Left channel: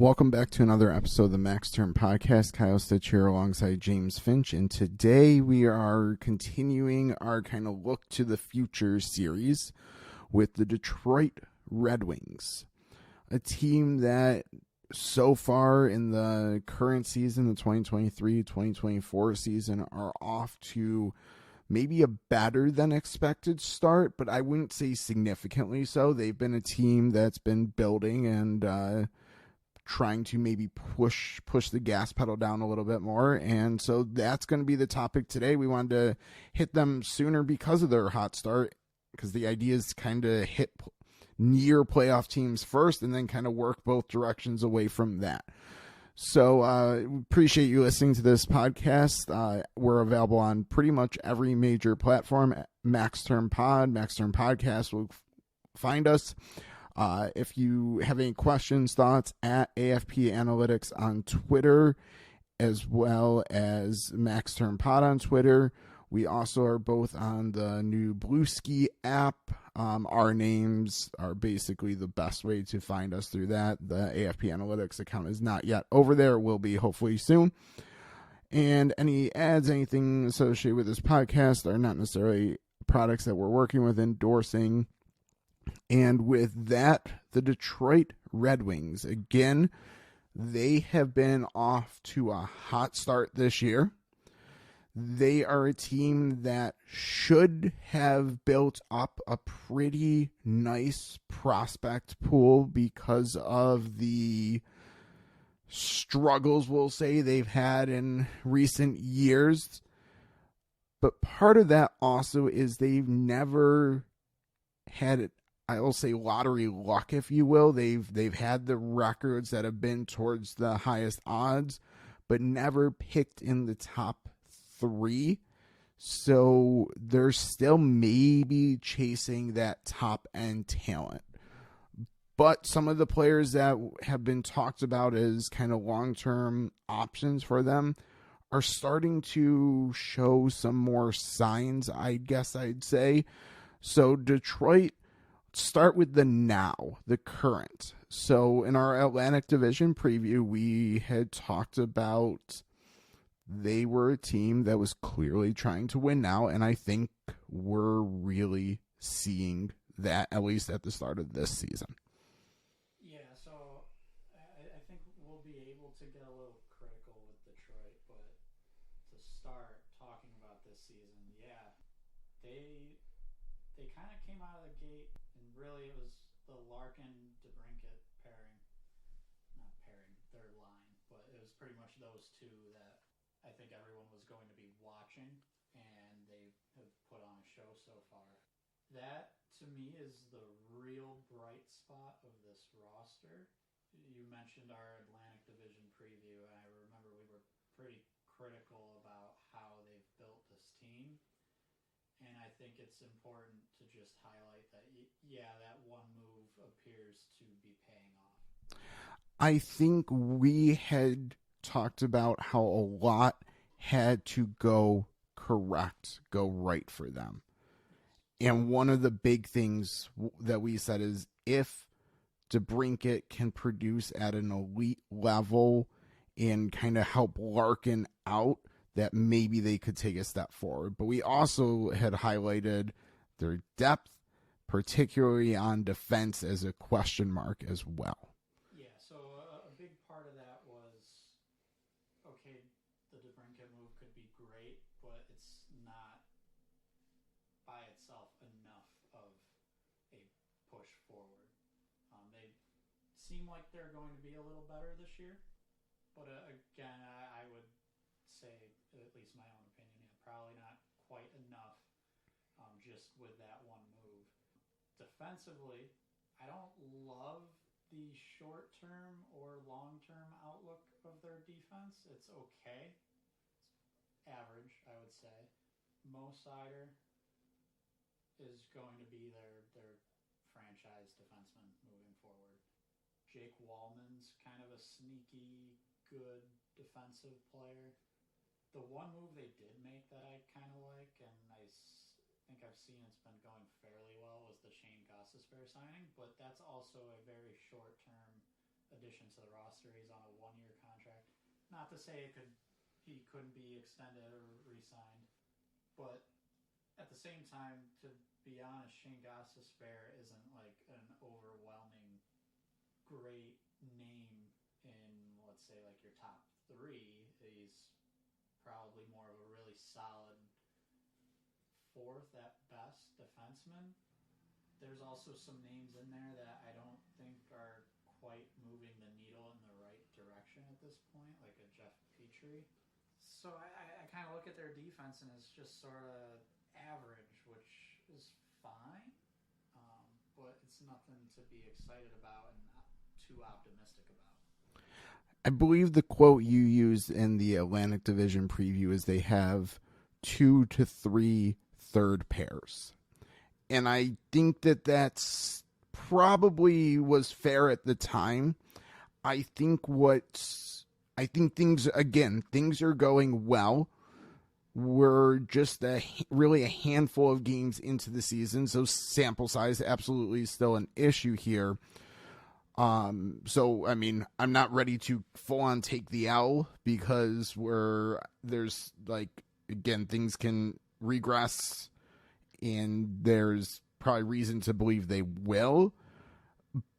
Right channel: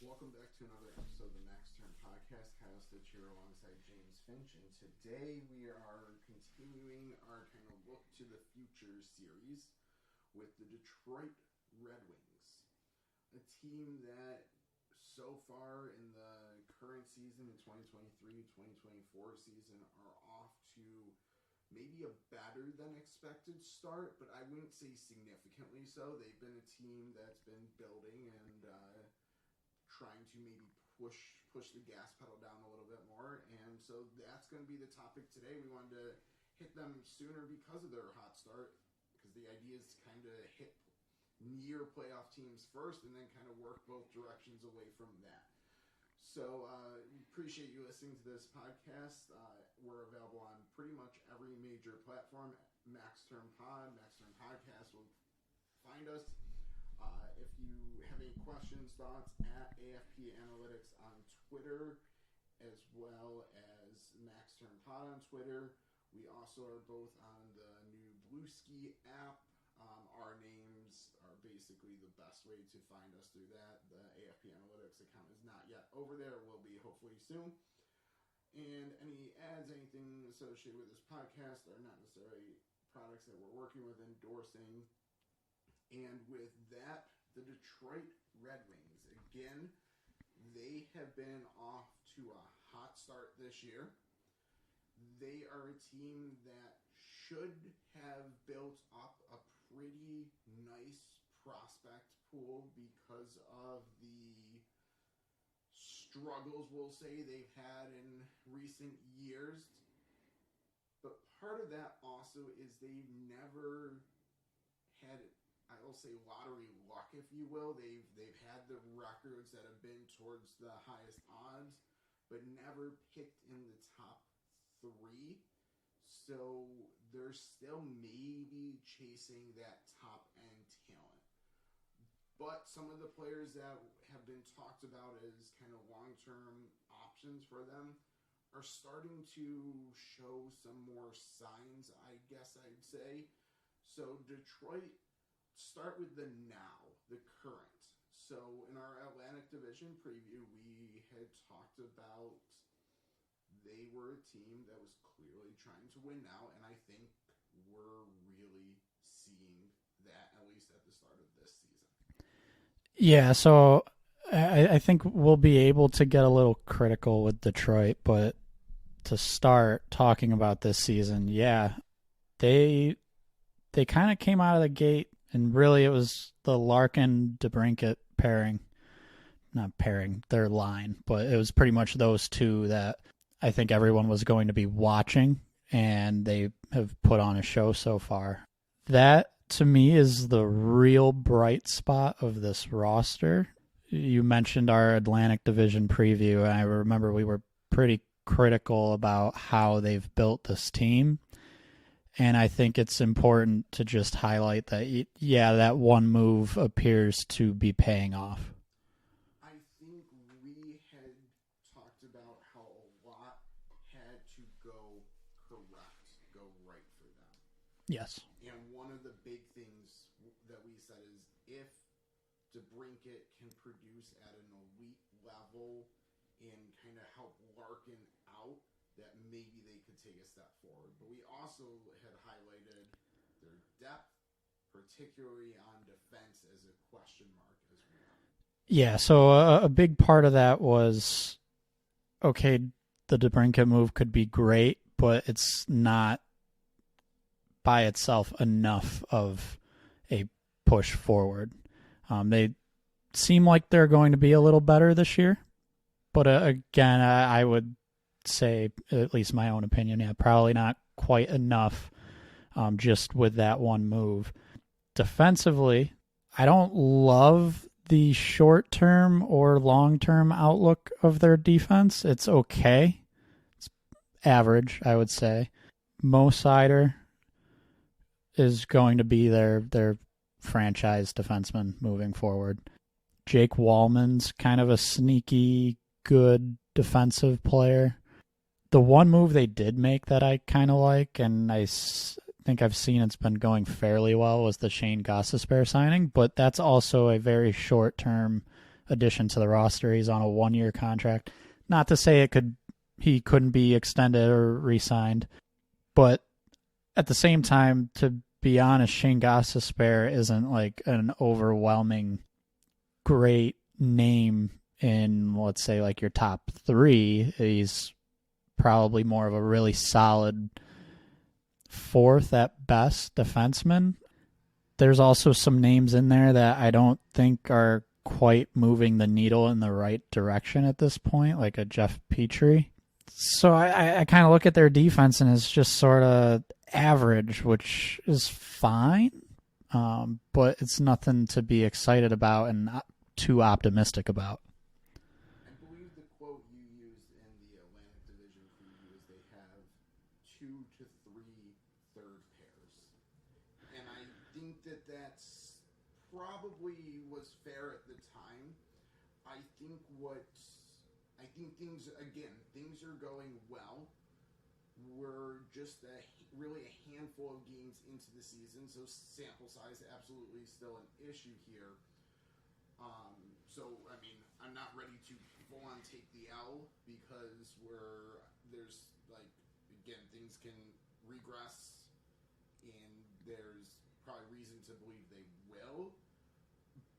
Welcome back to another episode of the Max Term Podcast. Kyle Stitch here alongside James Finch, and today we are continuing our kind of look to the future series with the Detroit Red Wings, a team that so far in the current season, the 2023-2024 season, are off to maybe a better than expected start, but I wouldn't say significantly so. They've been a team that's been building and trying to maybe push the gas pedal down a little bit more. And so that's going to be the topic today. We wanted to hit them sooner because of their hot start, because the idea is kind of hit near playoff teams first and then kind of work both directions away from that. So appreciate you listening to this podcast. We're available on pretty much every major platform. Max Term Podcast will find us. If you have any questions, thoughts, at AFP Analytics on Twitter, as well as Max Term Pod on Twitter. We also are both on the new Bluesky app. Our names are basically the best way to find us through that. The AFP Analytics account is not yet over there. It will be hopefully soon. And any ads, anything associated with this podcast are not necessarily products that we're working with, endorsing. And with that, the Detroit Red Wings, again, they have been off to a hot start this year. They are a team that should have built up a pretty nice prospect pool because of the struggles, we'll say, they've had in recent years. But part of that also is they've never had, I will say, lottery luck, if you will. They've had the records that have been towards the highest odds, but never picked in the top three. So they're still maybe chasing that top end talent. But some of the players that have been talked about as kind of long-term options for them are starting to show some more signs, I guess I'd say. So Detroit, start with the now, the current. So in our Atlantic Division preview, we had talked about they were a team that was clearly trying to win now, and I think we're really seeing that, at least at the start of this season. Yeah, so I think we'll be able to get a little critical with Detroit, but to start talking about this season, yeah, they kind of came out of the gate. And really, it was the Larkin-DeBrincat pairing. Not pairing, their line. But it was pretty much those two that I think everyone was going to be watching. And they have put on a show so far. That, to me, is the real bright spot of this roster. You mentioned our Atlantic Division preview. And I remember we were pretty critical about how they've built this team. And I think it's important to just highlight that, yeah, that one move appears to be paying off. I think we had talked about how a lot had to go correct, go right for them. Yes. And one of the big things that we said is if DeBrincat can produce at an elite level and kind of help Larkin out, that maybe they could take a step forward. But we also had highlighted their depth, particularly on defense, as a question mark as well. Yeah, so a big part of that was, okay, the DeBrincat move could be great, but it's not by itself enough of a push forward. They seem like they're going to be a little better this year. But again, I would say, at least my own opinion, yeah, probably not quite enough just with that one move. Defensively, I don't love the short-term or long-term outlook of their defense. It's okay. It's average, I would say. Mo Seider is going to be their franchise defenseman moving forward. Jake Wallman's kind of a sneaky, good defensive player. The one move they did make that I kind of like, and I think I've seen it's been going fairly well, was the Shane Gostisbehere signing, but that's also a very short-term addition to the roster. He's on a 1-year contract. Not to say he couldn't be extended or re-signed, but at the same time, to be honest, Shane Gostisbehere isn't like an overwhelming great name in, let's say, like your top 3. He's probably more of a really solid 4th at best defenseman. There's also some names in there that I don't think are quite moving the needle in the right direction at this point, like a Jeff Petrie. So I kind of look at their defense and it's just sort of average, which is fine, but it's nothing to be excited about and not too optimistic about. I believe the quote you used in the Atlantic Division preview is they have 2 to 3 third pairs. And I think that's probably was fair at the time. I think things are going well. We're just really a handful of games into the season, so sample size absolutely is still an issue here. So, I mean, I'm not ready to full on take the L because there's like, again, things can regress and there's probably reason to believe they will.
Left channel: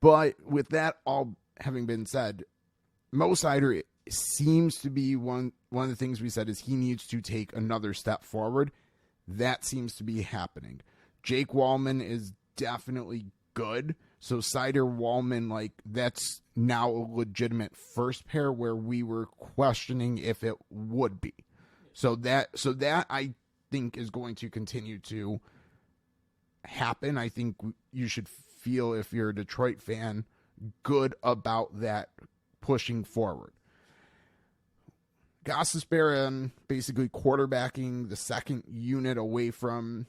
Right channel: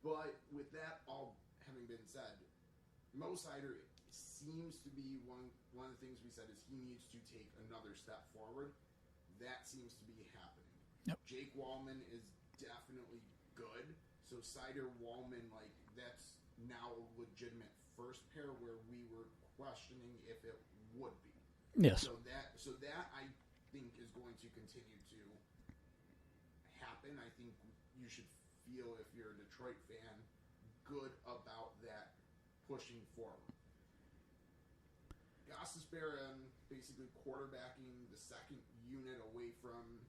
But with that all having been said, Mo Seider seems to be one of the things we said is he needs to take another step forward. That seems to be happening. Yep. Jake Wallman is definitely good. So Seider, Wallman, like that's now a legitimate first pair where we were questioning if it would be. Yeah. So that I think is going to continue to happen. I think you should feel, if you're a Detroit fan, good about that pushing forward. Gostisbehere basically quarterbacking the second unit away from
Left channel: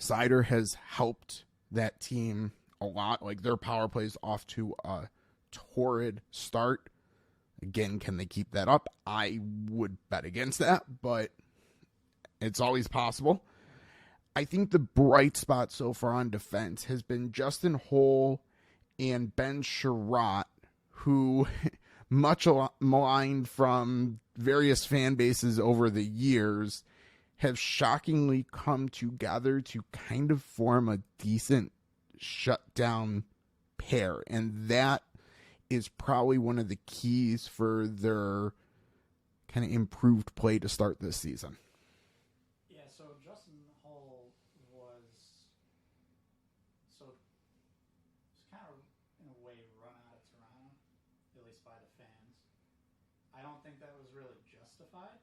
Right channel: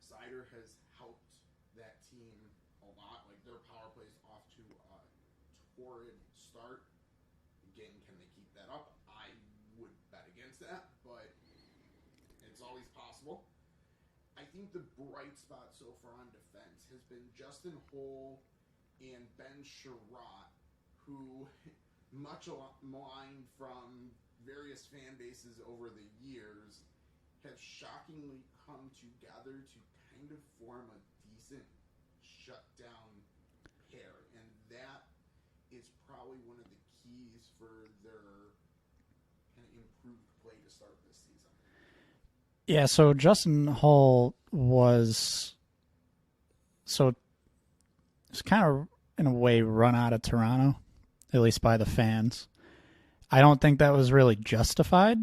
Seider has helped that team a lot. Like their power plays off to a torrid start. Again, can they keep that up? I would bet against that, but it's always possible. I think the bright spot so far on defense has been Justin Holl and Ben Sherratt, who much maligned from various fan bases over the years, have shockingly come together to kind of form a decent shutdown pair. And that is probably one of the keys for their kind of improved play to start this season. Yeah, so Justin Holl was kind of, in a way, run out of Toronto, at least by the fans. I don't think that was really justified.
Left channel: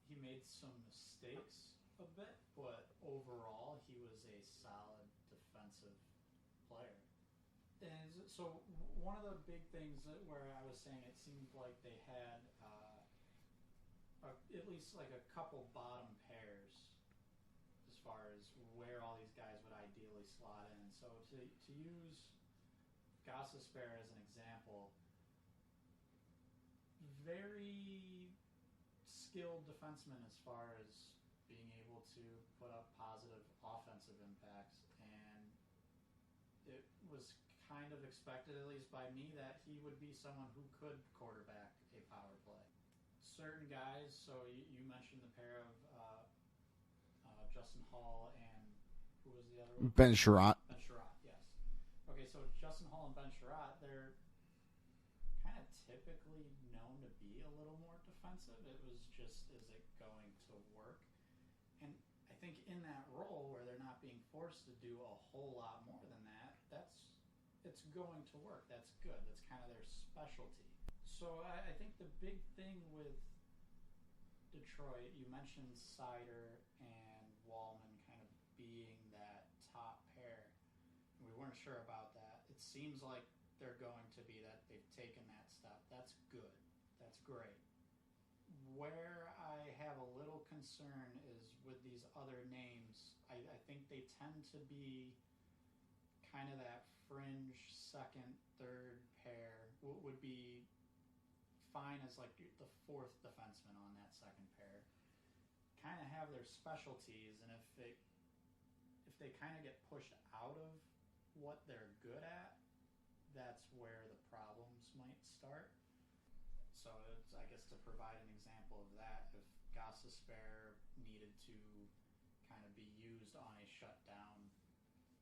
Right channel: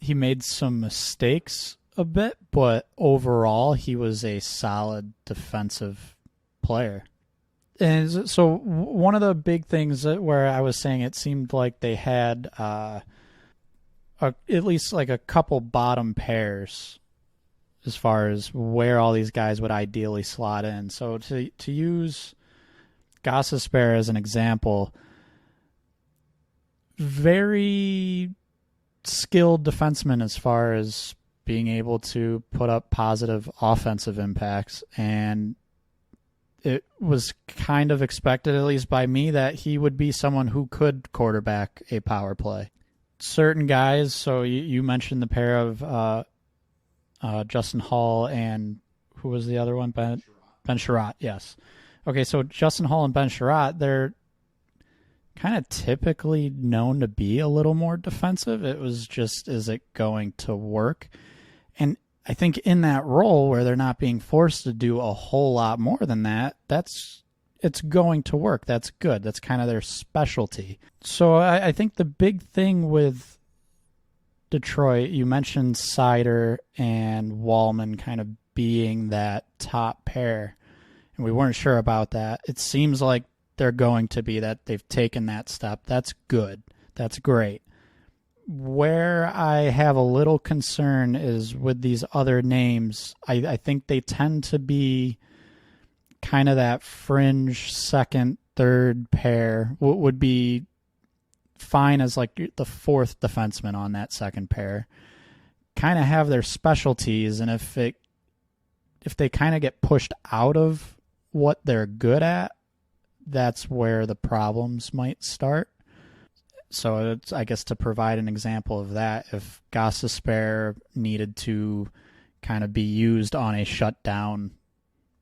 He made some mistakes a bit, but overall he was a solid defensive player. And so one of the big things where I was saying it seemed like they had at least like a couple bottom pairs as far as where all these guys would ideally slot in. So to use Gostisbehere as an example, very skilled defenseman as far as being able to put up positive offensive impacts, and it was kind of expected, at least by me, that he would be someone who could quarterback a power play. Certain guys, so you mentioned the pair of Justin Holl and who was the other one? Ben Sherratt. Ben Sherratt, yes. Okay, so Justin Holl and Ben Sherratt, they're kind of typically known to be a little more defensive. It was just, is it going to work? And I think in that role where they're not being forced to do a whole lot more than that, it's going to work. That's good. That's kind of their specialty. So I think the big thing with Detroit, you mentioned Seider and Wallman kind of being that top pair, and we weren't sure about that. It seems like they're going to be that. They've taken that step. That's good. That's great. Where I have a little concern is with these other names. I think they tend to be kind of that fringe second, third pair. What would be fine as like the fourth defenseman on that second pair. Kind of have their specialties, and if they kind of get pushed out of what they're good at, that's where the problems might start. So it's, I guess, to provide an example of that, if Gostisbehere needed to kind of be used on a shutdown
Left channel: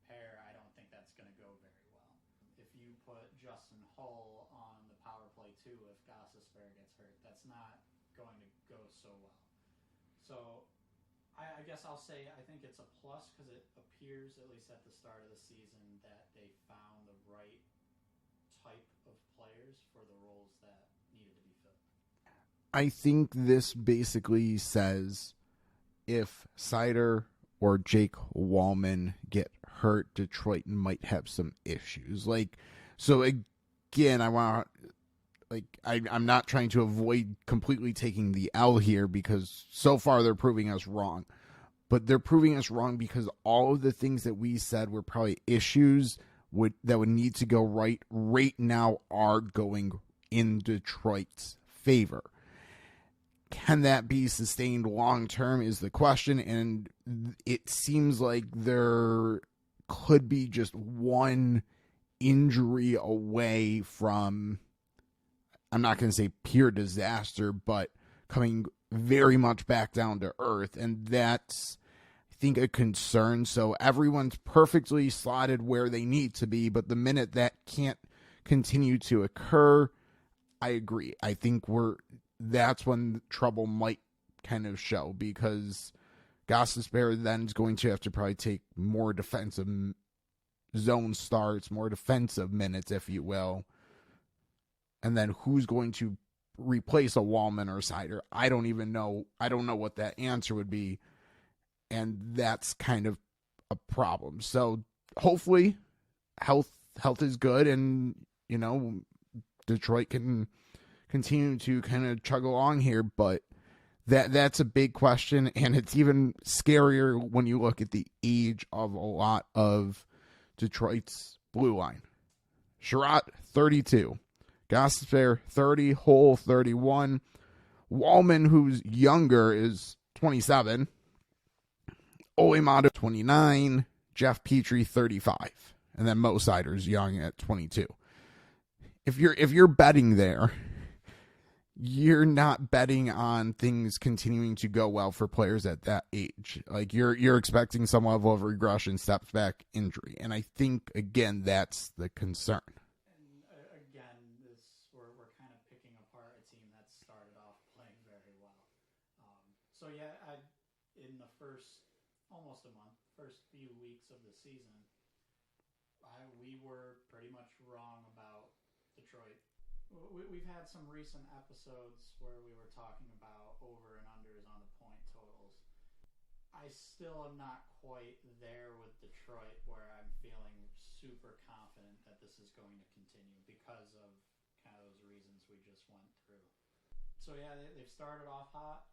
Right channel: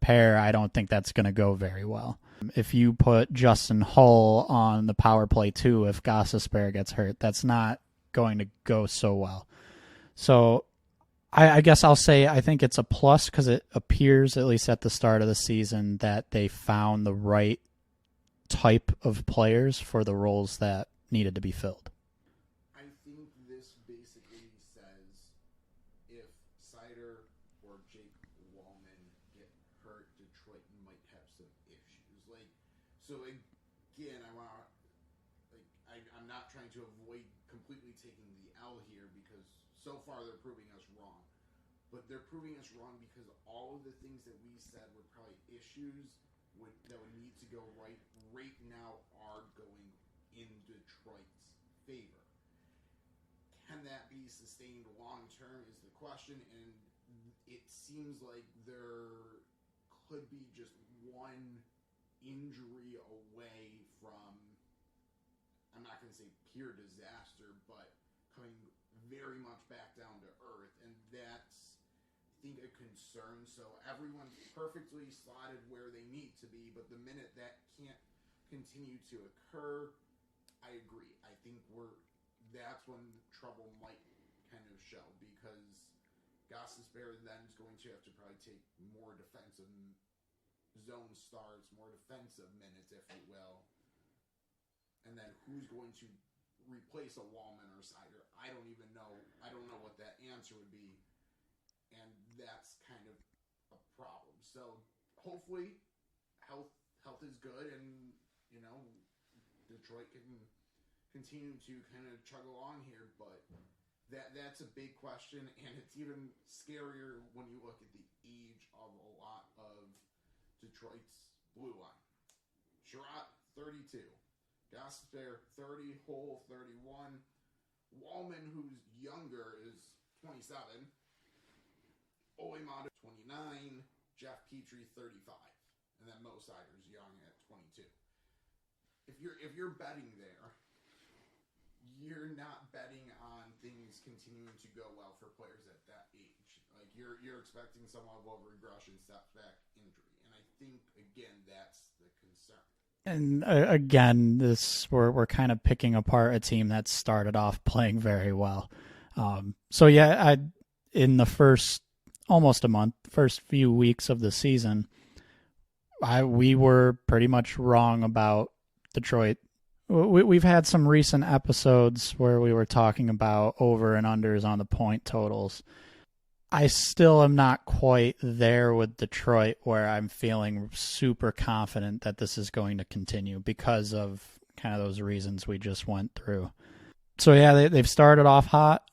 pair, I don't think that's going to go very well. If you put Justin Hull on the power play too, if Gostisbehere gets hurt, that's not going to go so well. So I guess I'll say I think it's a plus because it appears, at least at the start of the season, that they found the right type of players for the roles that needed to be filled. I think this basically says if Seider or Jake Wallman get hurt, Detroit might have some issues. So again, I'm not trying to avoid completely taking the L here because so far they're proving us wrong. But they're proving us wrong because all of the things that we said were probably issues that would need to go right now are going in Detroit's favor. Can that be sustained long term is the question, and it seems like there could be just one injury away from, I'm not going to say pure disaster, but coming very much back down to earth, and that's, I think, a concern. So everyone's perfectly slotted where they need to be, but the minute that can't continue to occur, I agree. I think that's when trouble might kind of show, because Gostisbehere then is going to have to probably take more defensive zone starts, more defensive minutes, if you will. And then who's going to replace a Wallman or Seider? I don't even know. I don't know what that answer would be. And that's kind of a problem. So hopefully health is good, and, Detroit can continue to kind of chug along here, but that's a big question, and it's even scarier when you look at the age of a lot of Detroit's blue line. Sherratt, 32. Gostisbehere, 30. Hull, 31. Wallman, who's younger, is 27. Olimata, 29. Jeff Petrie, 35. And then Mo Seider's young at 22. If you're betting there, you're not betting on things continuing to go well for players at that age. Like, you're expecting some level of regression, steps back, injury. And I think, again, that's the concern. And again, we're kind of picking apart a team that started off playing very well. So yeah, in the first few weeks of the season, we were pretty much wrong about Detroit. We've had some recent episodes where we were talking about over and unders on the point totals. I still am not quite there with Detroit where I'm feeling super confident that this is going to continue because of kind of those reasons we just went through. So yeah, they've started off hot.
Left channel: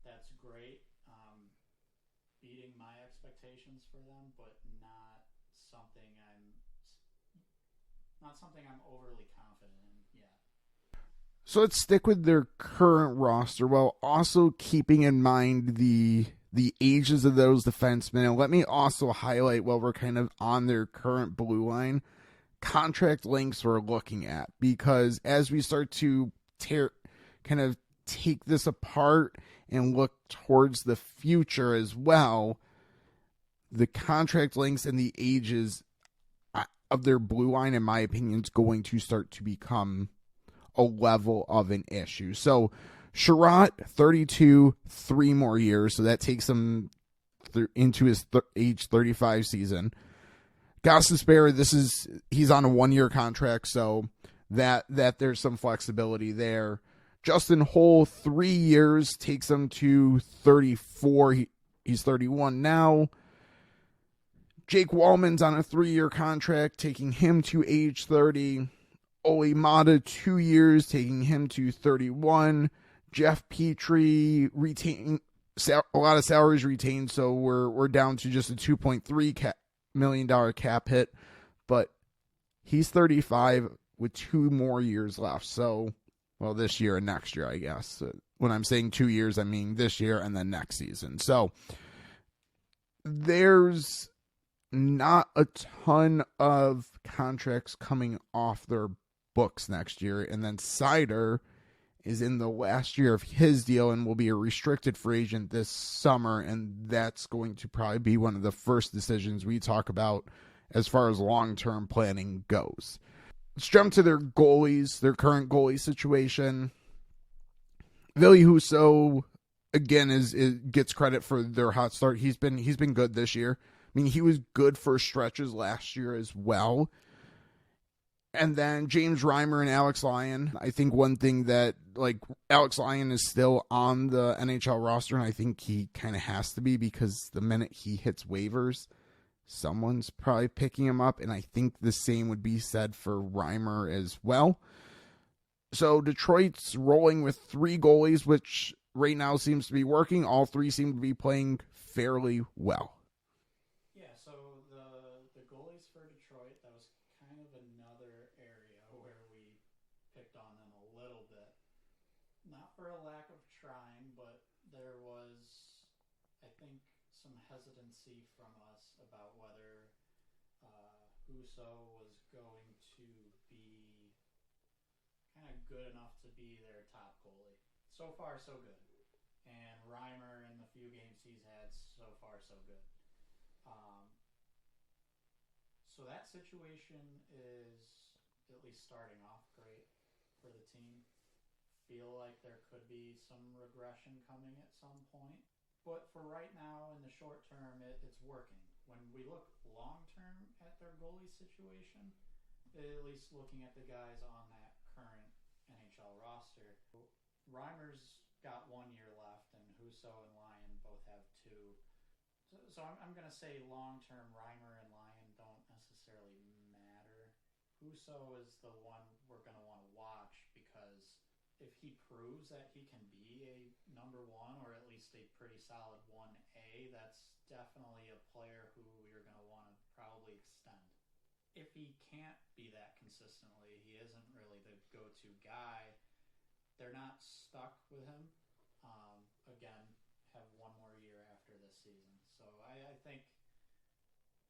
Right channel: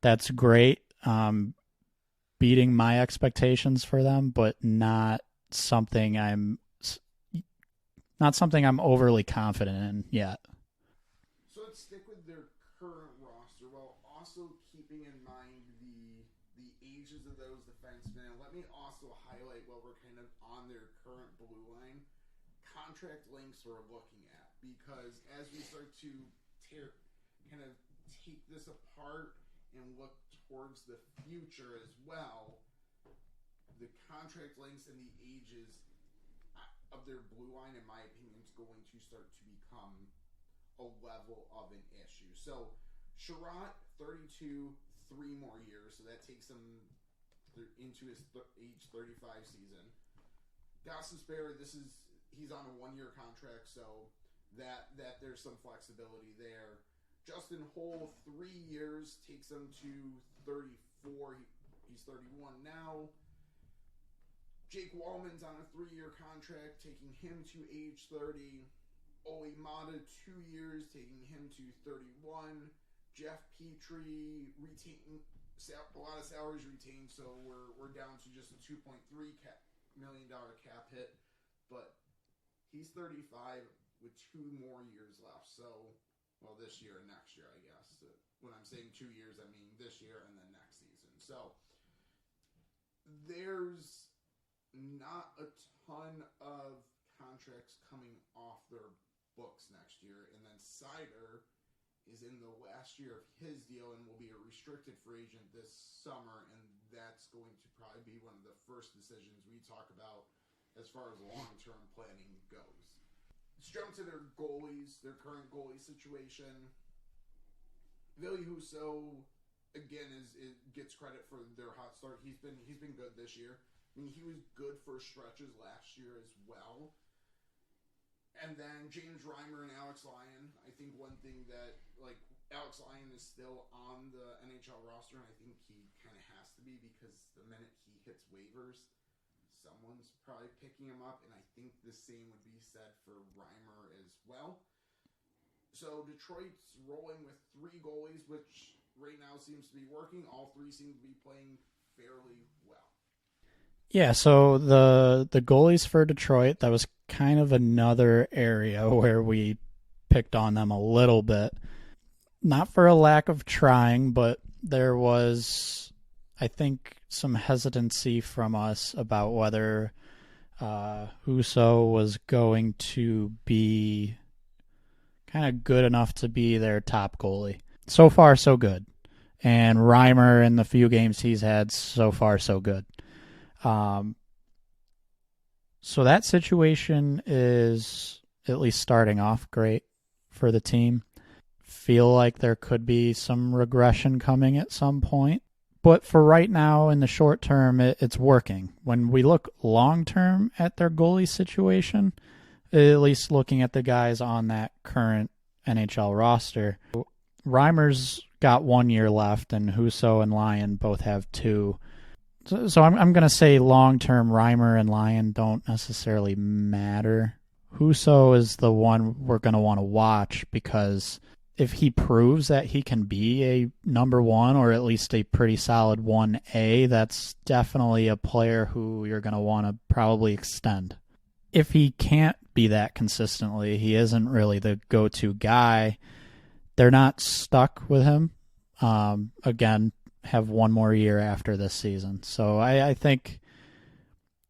That's great. Beating my expectations for them, but not something I'm overly confident in yet. So let's stick with their current roster while also keeping in mind the ages of those defensemen. And let me also highlight, while we're kind of on their current blue line, contract lengths we're looking at. Because as we start to take this apart and look towards the future as well, the contract lengths and the ages of their blue line, in my opinion, is going to start to become a level of an issue. So Sherratt, 32, 3 more years, so that takes him into his age 35 season. Gostisbehere, he's on a 1-year contract, so that there's some flexibility there. Justin Hull, 3 years, takes him to 34. He's 31 now. Jake Wallman's on a 3-year contract, taking him to age 30. Olimata, 2 years, taking him to 31. Jeff Petrie retaining a lot of salaries retained, so we're down to just a $2.3 million cap hit, but he's 35 with 2 more years left. So, well, this year and next year, I guess. When I'm saying 2 years, I mean this year and then next season. So there's not a ton of contracts coming off their books next year. And then Sider is in the last year of his deal and will be a restricted free agent this summer. And that's going to probably be one of the first decisions we talk about as far as long-term planning goes. Let's jump to their goalies, their current goalie situation. Ville Husso, again, gets credit for their hot start. He's been good this year. I mean, he was good for stretches last year as well. And then James Reimer and Alex Lyon. I think one thing that, like, Alex Lyon is still on the NHL roster, and I think he kind of has to be because the minute he hits waivers, someone's probably picking him up, and I think the same would be said for Reimer as well. So Detroit's rolling with 3 goalies, which right now seems to be working. All 3 seem to be playing fairly well. Yeah, so the goalies for Detroit, that was kind of another area where we picked on them a little bit. Not for a lack of trying, but there was, I think, some hesitancy from us about whether Husso was going to be kind of good enough to be their top goalie. So far, so good. And Reimer, in the few games he's had, so far, so good. So that situation is at least starting off great for the team. Feel like there could be some regression coming at some point. But for right now, in the short term, it's working. When we look long term at their goalie situation, at least looking at the guys on that current NHL roster, Reimer's got 1 year left, and Husso and Lyon both have 2. So I'm going to say long-term Reimer and Lyon don't necessarily matter. Husso is the one we're going to want to watch because if he proves that he can be a number 1 or at least a pretty solid 1A, that's definitely a player who you're going to want to probably extend. If he can't be that consistently, he isn't really the go-to guy, they're not stuck with him. Again, have 1 more year after this season. So I think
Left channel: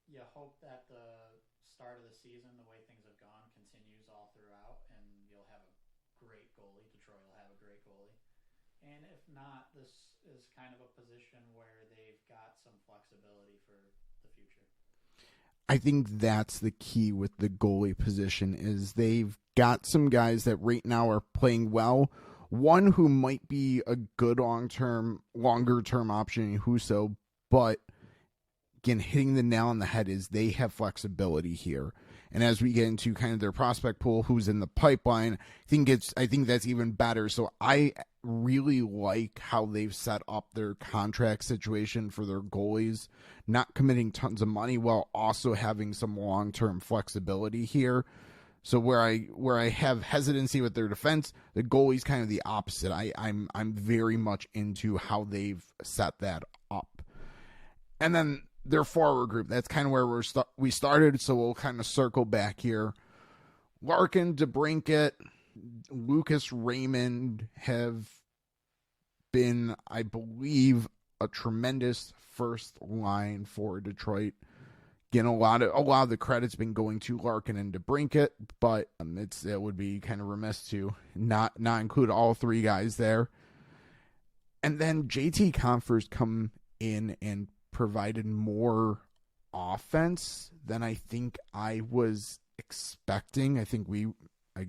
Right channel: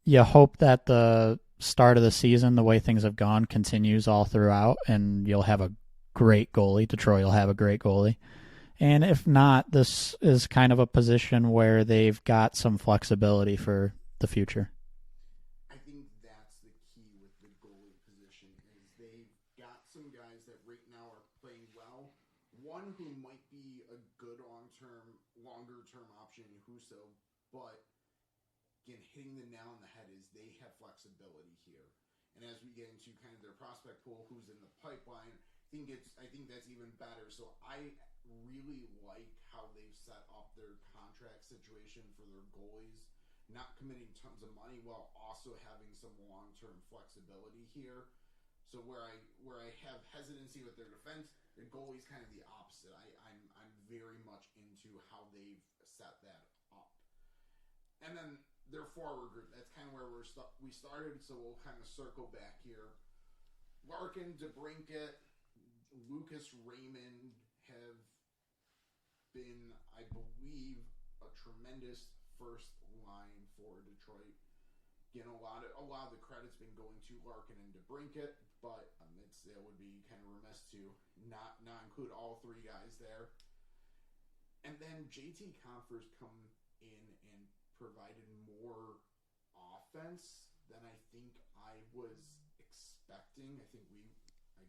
you hope that the start of the season, the way things have gone, continues all throughout, and you'll have a great goalie. Detroit will have a great goalie. And if not, this is kind of a position where they've got some flexibility for the future. I think that's the key with the goalie position is they've got some guys that right now are playing well. One who might be a good longer-term option in Husso, but again, hitting the nail on the head is they have flexibility here. And as we get into kind of their prospect pool, who's in the pipeline, I think that's even better. So I really like how they've set up their contract situation for their goalies, not committing tons of money while also having some long-term flexibility here. So where I have hesitancy with their defense, the goalie's kind of the opposite. I'm very much into how they've set that up. And then their forward group, that's kind of where we started, so we'll kind of circle back here. Larkin, DeBrincat, Lucas Raymond have been, I believe, a tremendous first line for Detroit. Again, a lot of the credit's been going to Larkin and DeBrincat, but it would be kind of remiss to not include all 3 guys there. And then JT Compher's come in and provided more offense than I think I was expecting. I think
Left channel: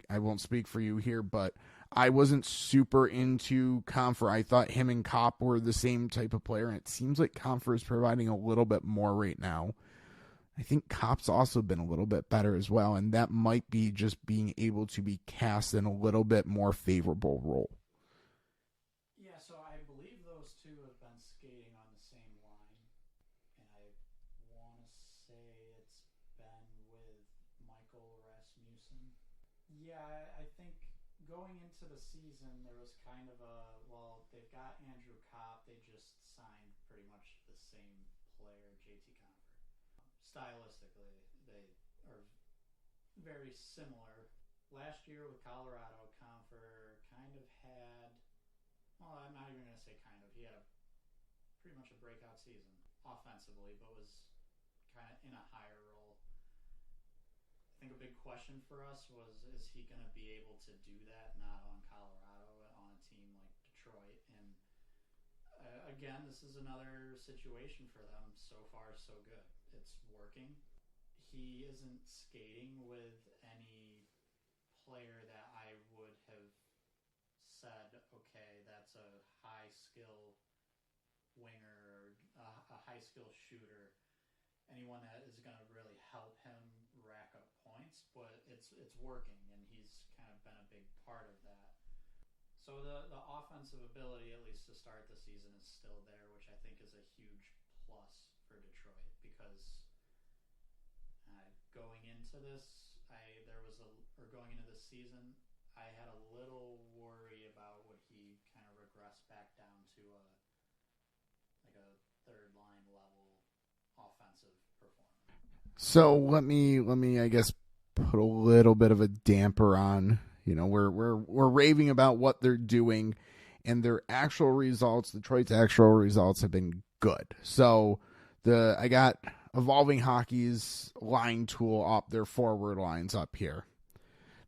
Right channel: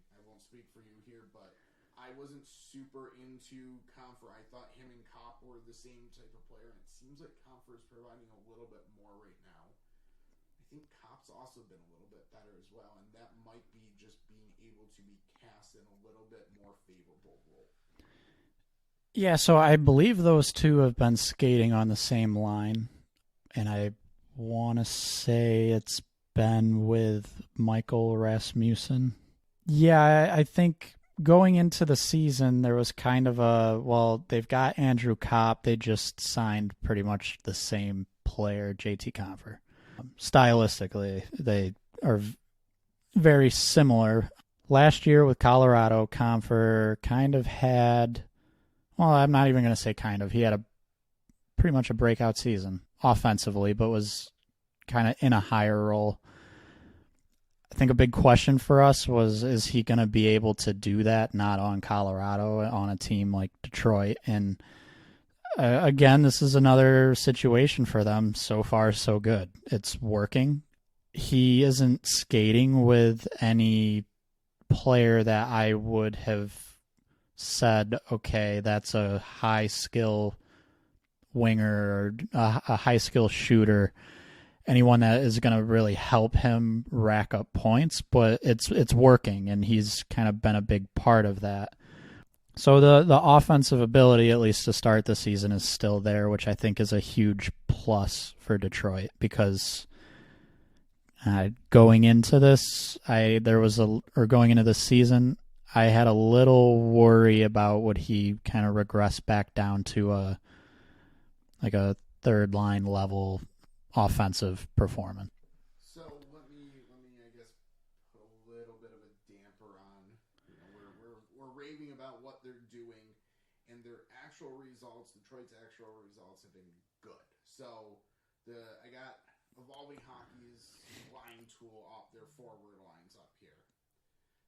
I won't speak for you here, but I wasn't super into Compher. I thought him and Kopp were the same type of player, and it seems like Compher is providing a little bit more right now. I think Kopp's also been a little bit better as well, and that might be just being able to be cast in a little bit more favorable role. Yeah, so I believe those 2 have been skating on the same line, and I want to say it's been with Michael Rasmussen. Yeah, I think going into the season, there was kind of they've got Andrew Kopp. They just signed pretty much the same player, JT Compher. Stylistically, they are very similar. Last year with Colorado, Compher kind of had, well, I'm not even going to say kind of. He had pretty much a breakout season offensively, but was kind of in a higher role. I think a big question for us was, is he going to be able to do that not on Colorado, on a team like Detroit? And again, this is another situation for them. So far, so good. It's working. He isn't skating with any player that I would have said, okay, that's a high skill winger or a high skill shooter, anyone that is going to really help him rack up points, but it's working, and he's kind of been a big part of that. So the offensive ability, at least to start the season, is still there, which I think is a huge plus for Detroit, because going into this season, I had a little worry about would he kind of regress back down to a third line level offensive performance. So let me I guess put a little bit of a damper on. We're raving about what they're doing, and their actual results, Detroit's actual results, have been good. So I got Evolving Hockey's line tool up, their forward lines up here.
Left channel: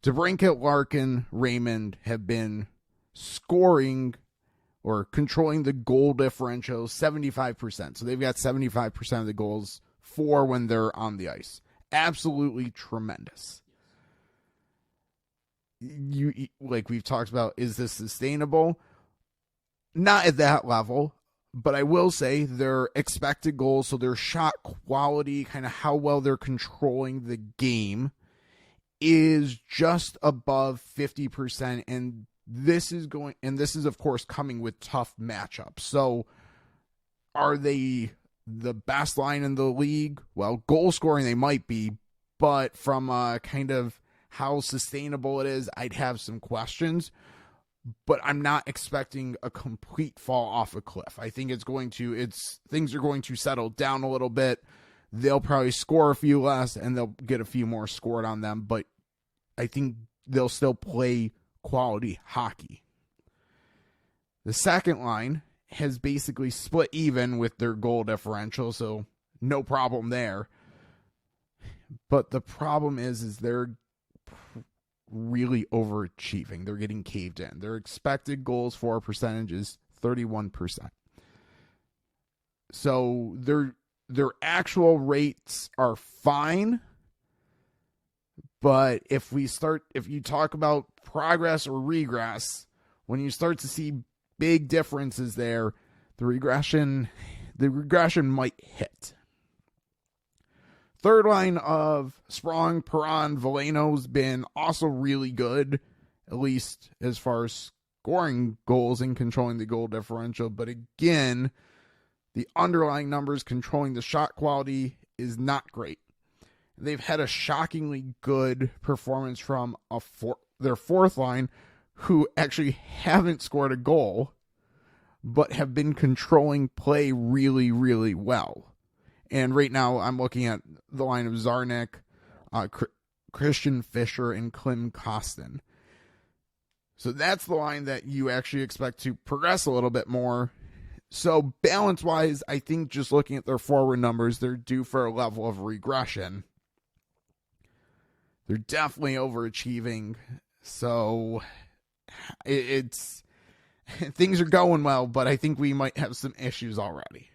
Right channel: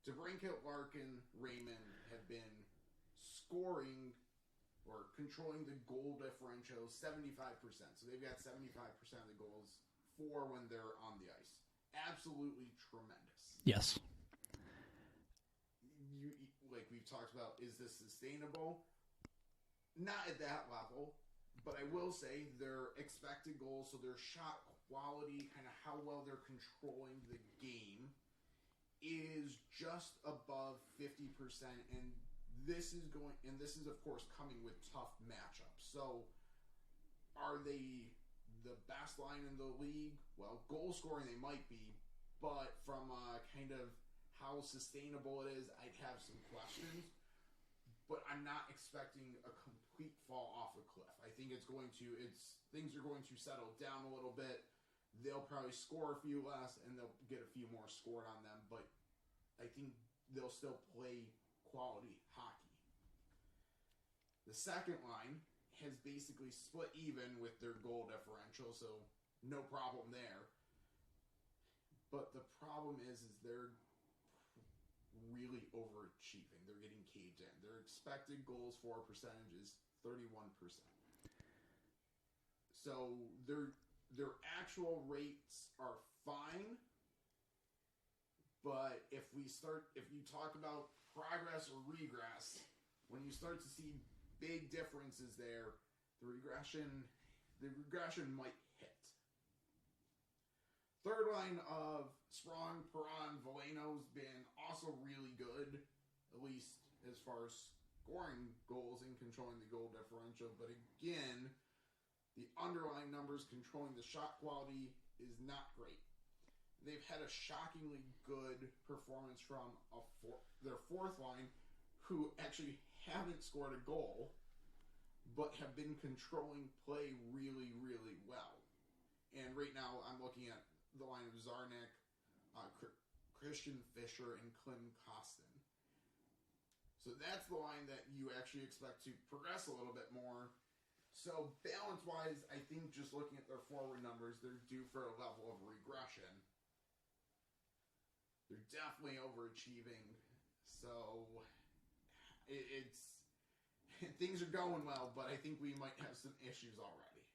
DeBrincat, Larkin, Raymond have been scoring or controlling the goal differential 75%. So they've got 75% of the goals for when they're on the ice. Absolutely tremendous. Yes. Like we've talked about, is this sustainable? Not at that level, but I will say their expected goals, so their shot quality, kind of how well they're controlling the game, is just above 50%, and this is of course coming with tough matchups. So are they the best line in the league? Well, goal scoring they might be, but from kind of how sustainable it is, I'd have some questions. But I'm not expecting a complete fall off a cliff. I think things are going to settle down a little bit. They'll probably score a few less, and they'll get a few more scored on them, but I think they'll still play quality hockey. The second line has basically split even with their goal differential, so no problem there. But the problem is they're really overachieving. They're getting caved in. Their expected goals for percentage is 31%. So their actual rates are fine, but if you talk about progress or regress, when you start to see big differences there, the regression might hit. Third line of Sprong, Perron, Veleno's been also really good, at least as far as scoring goals and controlling the goal differential. But again, the underlying numbers controlling the shot quality is not great. They've had a shockingly good performance from their fourth line, who actually haven't scored a goal, but have been controlling play really, really well. And right now, I'm looking at the line of Zarnik, Christian Fischer, and Klim Kostin. So that's the line that you actually expect to progress a little bit more. So balance-wise, I think just looking at their forward numbers, they're due for a level of regression. They're definitely overachieving. So things are going well, but I think we might have some issues already.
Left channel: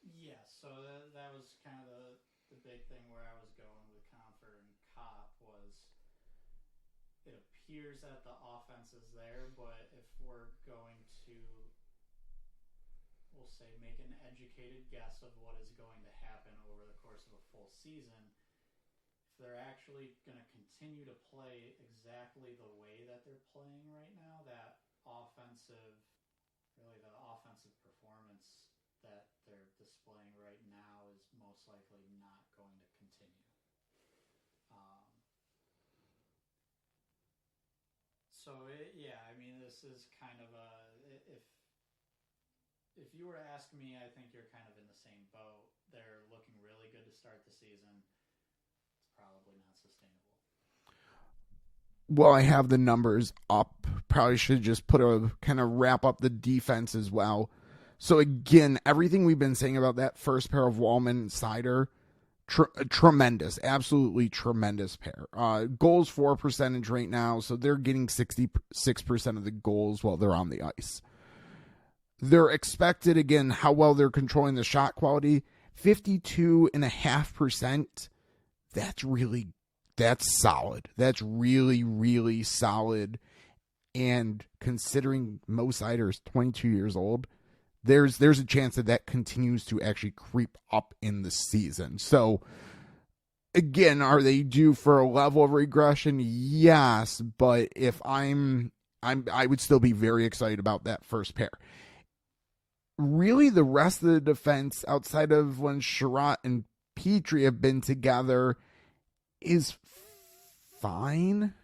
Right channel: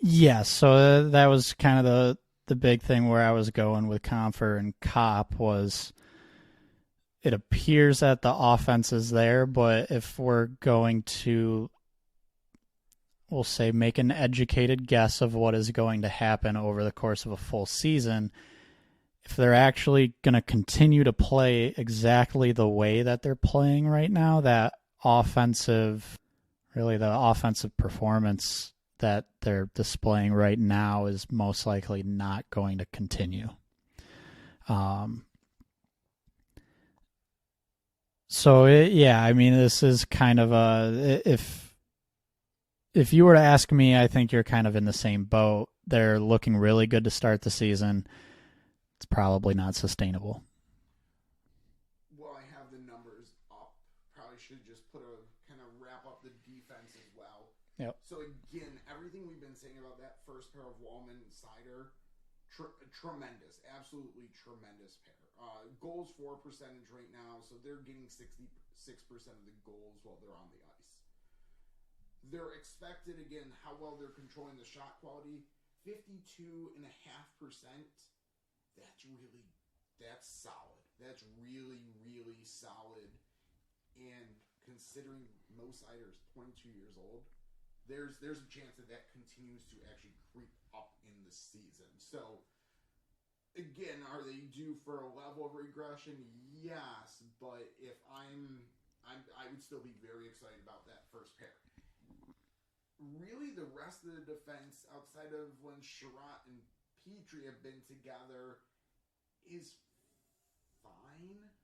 Yes, so that was kind of the big thing where I was going with Comfer and Kopp was it appears that the offense is there, but if we're going to, we'll say, make an educated guess of what is going to happen over the course of a full season, if they're actually going to continue to play exactly the way that they're playing right now, the offensive performance that they're displaying right now is most likely not going to continue. This is kind of if you were to ask me, I think you're kind of in the same boat. They're looking really good to start the season. It's probably not sustainable. Well, I have the numbers up. Probably should just wrap up the defense as well. Yep. So again, everything we've been saying about that first pair of Wallman and Seider tremendous, absolutely tremendous pair. Goals for percentage right now, so they're getting 66% of the goals while they're on the ice. They're expected, again, how well they're controlling the shot quality, 52.5%. That's solid. That's really, really solid. And considering Mo Seider is 22 years old, there's a chance that continues to actually creep up in the season. So, again, are they due for a level of regression? Yes, but if I would still be very excited about that first pair. Really, the rest of the defense, outside of when Sherratt and Petrie have been together, is fine.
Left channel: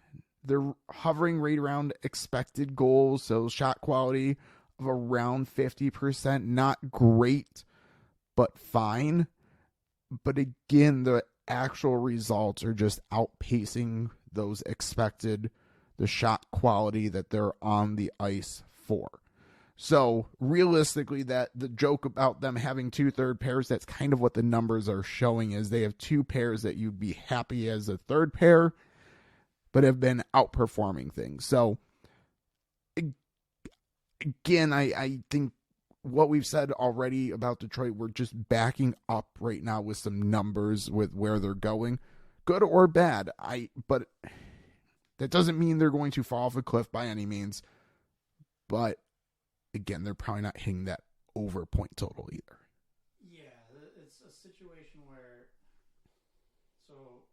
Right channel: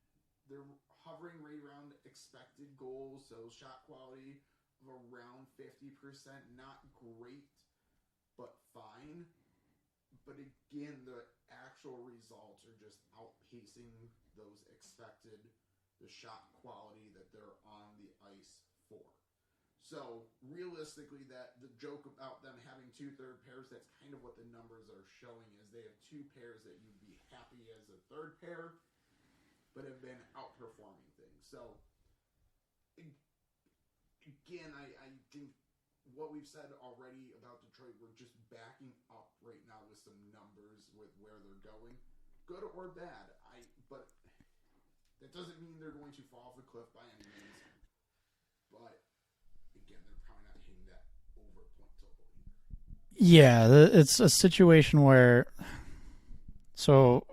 They're hovering right around expected goals, so shot quality of around 50%. Not great, but fine. But again, the actual results are just outpacing those expected, the shot quality that they're on the ice for. So realistically, that the joke about them having 2 third pairs, that's kind of what the numbers are showing, is they have 2 pairs that you'd be happy as a third pair, but have been outperforming things. So again, I think what we've said already about Detroit, we're just backing up right now with some numbers with where they're going, good or bad. But that doesn't mean they're going to fall off a cliff by any means. But again, they're probably not hitting that over point total either. Yeah, it's a situation where, so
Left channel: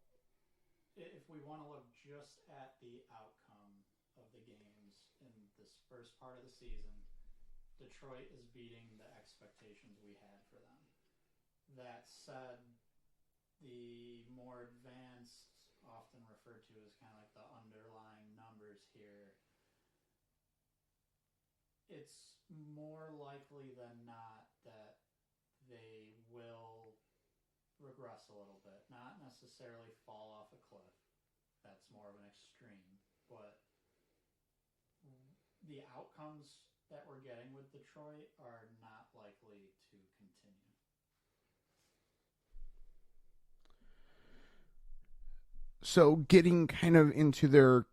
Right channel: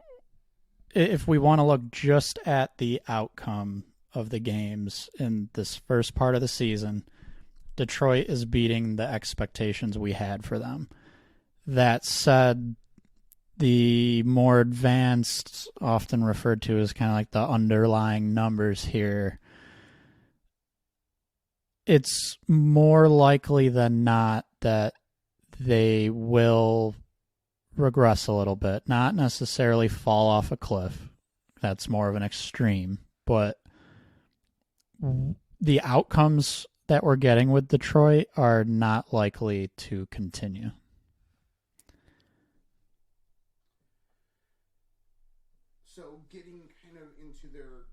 if we want to look just at the outcome of the games in this first part of the season, Detroit is beating the expectations we had for them. That said, the more advanced, often referred to as kind of like the underlying numbers here, it's more likely than not that they will regress a little bit. Not necessarily fall off a cliff. That's more of an extreme. But the outcomes that we're getting with Detroit are not likely to continue. So getting kind of into their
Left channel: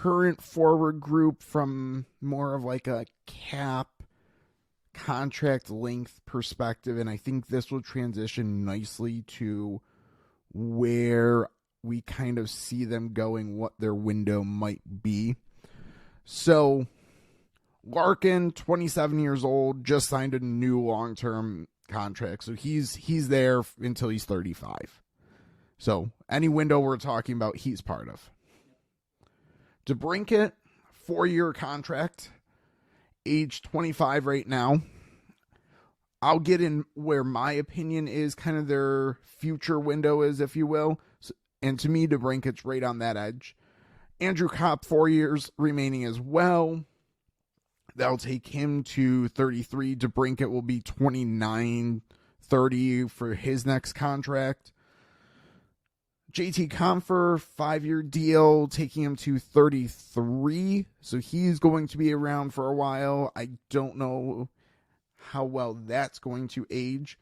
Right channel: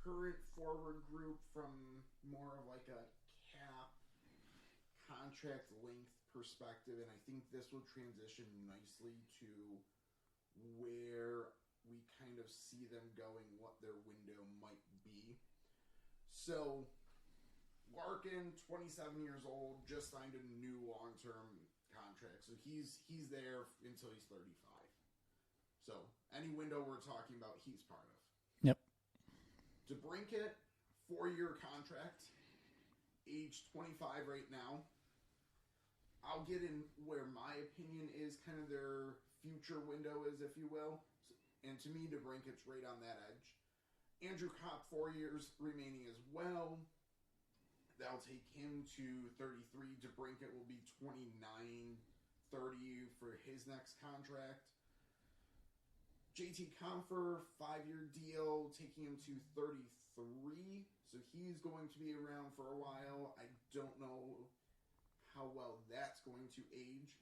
current forward group from more of like a cap contract length perspective, and I think this will transition nicely to where we kind of see them going, what their window might be. So Larkin, 27 years old, just signed a new long-term contract, so he's there until he's 35. So any window we're talking about, he's part of. Yep. DeBrincat, 4-year contract, age 25 right now. I'll get in where my opinion is, kind of their future window is, if you will. And to me, DeBrincat's right on that edge. Andrew Kopp, 4 years remaining as well. That'll take him to 33. DeBrincat will be 29, 30 for his next contract. JT Compher, 5-year deal, taking him to 33. So he's going to be around for a while. I don't know how well that's going to age.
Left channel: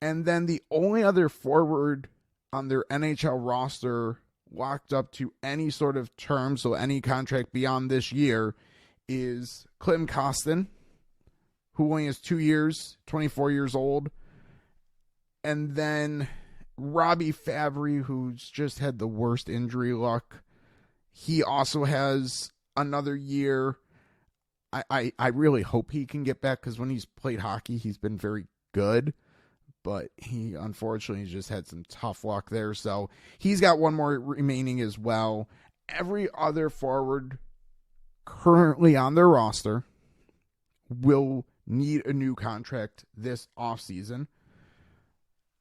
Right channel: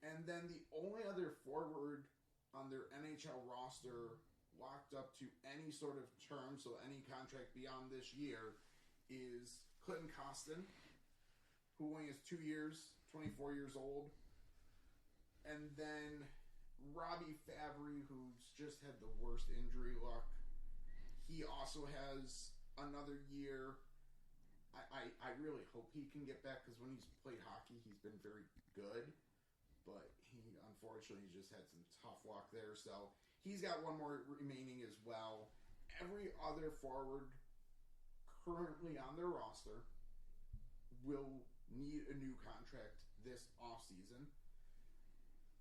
And then the only other forward on their NHL roster locked up to any sort of term, so any contract beyond this year, is Klim Kostin, who only has 2 years, 24 years old. And then Robbie Fabry, who's just had the worst injury luck. He also has another year. I really hope he can get back, because when he's played hockey, he's been very good. But he unfortunately just had some tough luck there. So he's got one more remaining as well. Every other forward currently on their roster will need a new contract this offseason.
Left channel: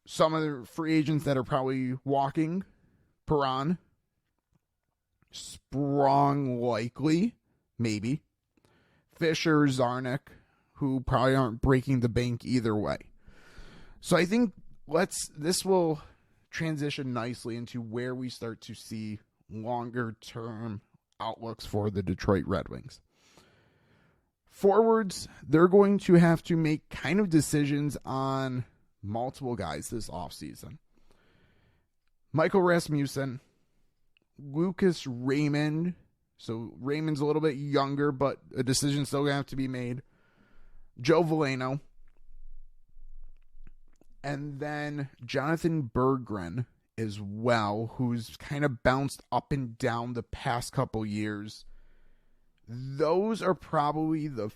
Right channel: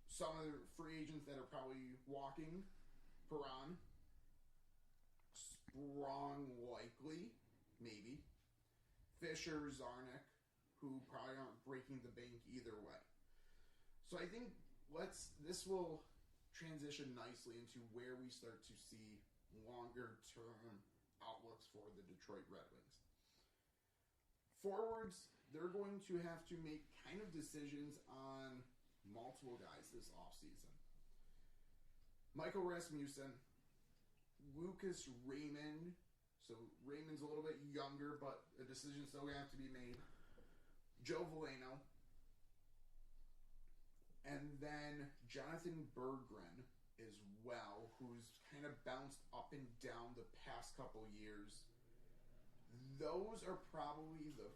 Some of the free agents that are probably walking, Perron, Sprong likely, maybe, Fisher, Zarnik, who probably aren't breaking the bank either way. So I think this will transition nicely into where we start to see longer term outlooks for the Detroit Red Wings. Forwards, they're going to have to make kind of decisions on multiple guys this offseason. Michael Rasmussen, Lucas Raymond. So Raymond's a little bit younger, but a decision's still going to have to be made. Joe Veleno. And then Jonathan Berggren as well, who's kind of bounced up and down the past couple years. Those are probably the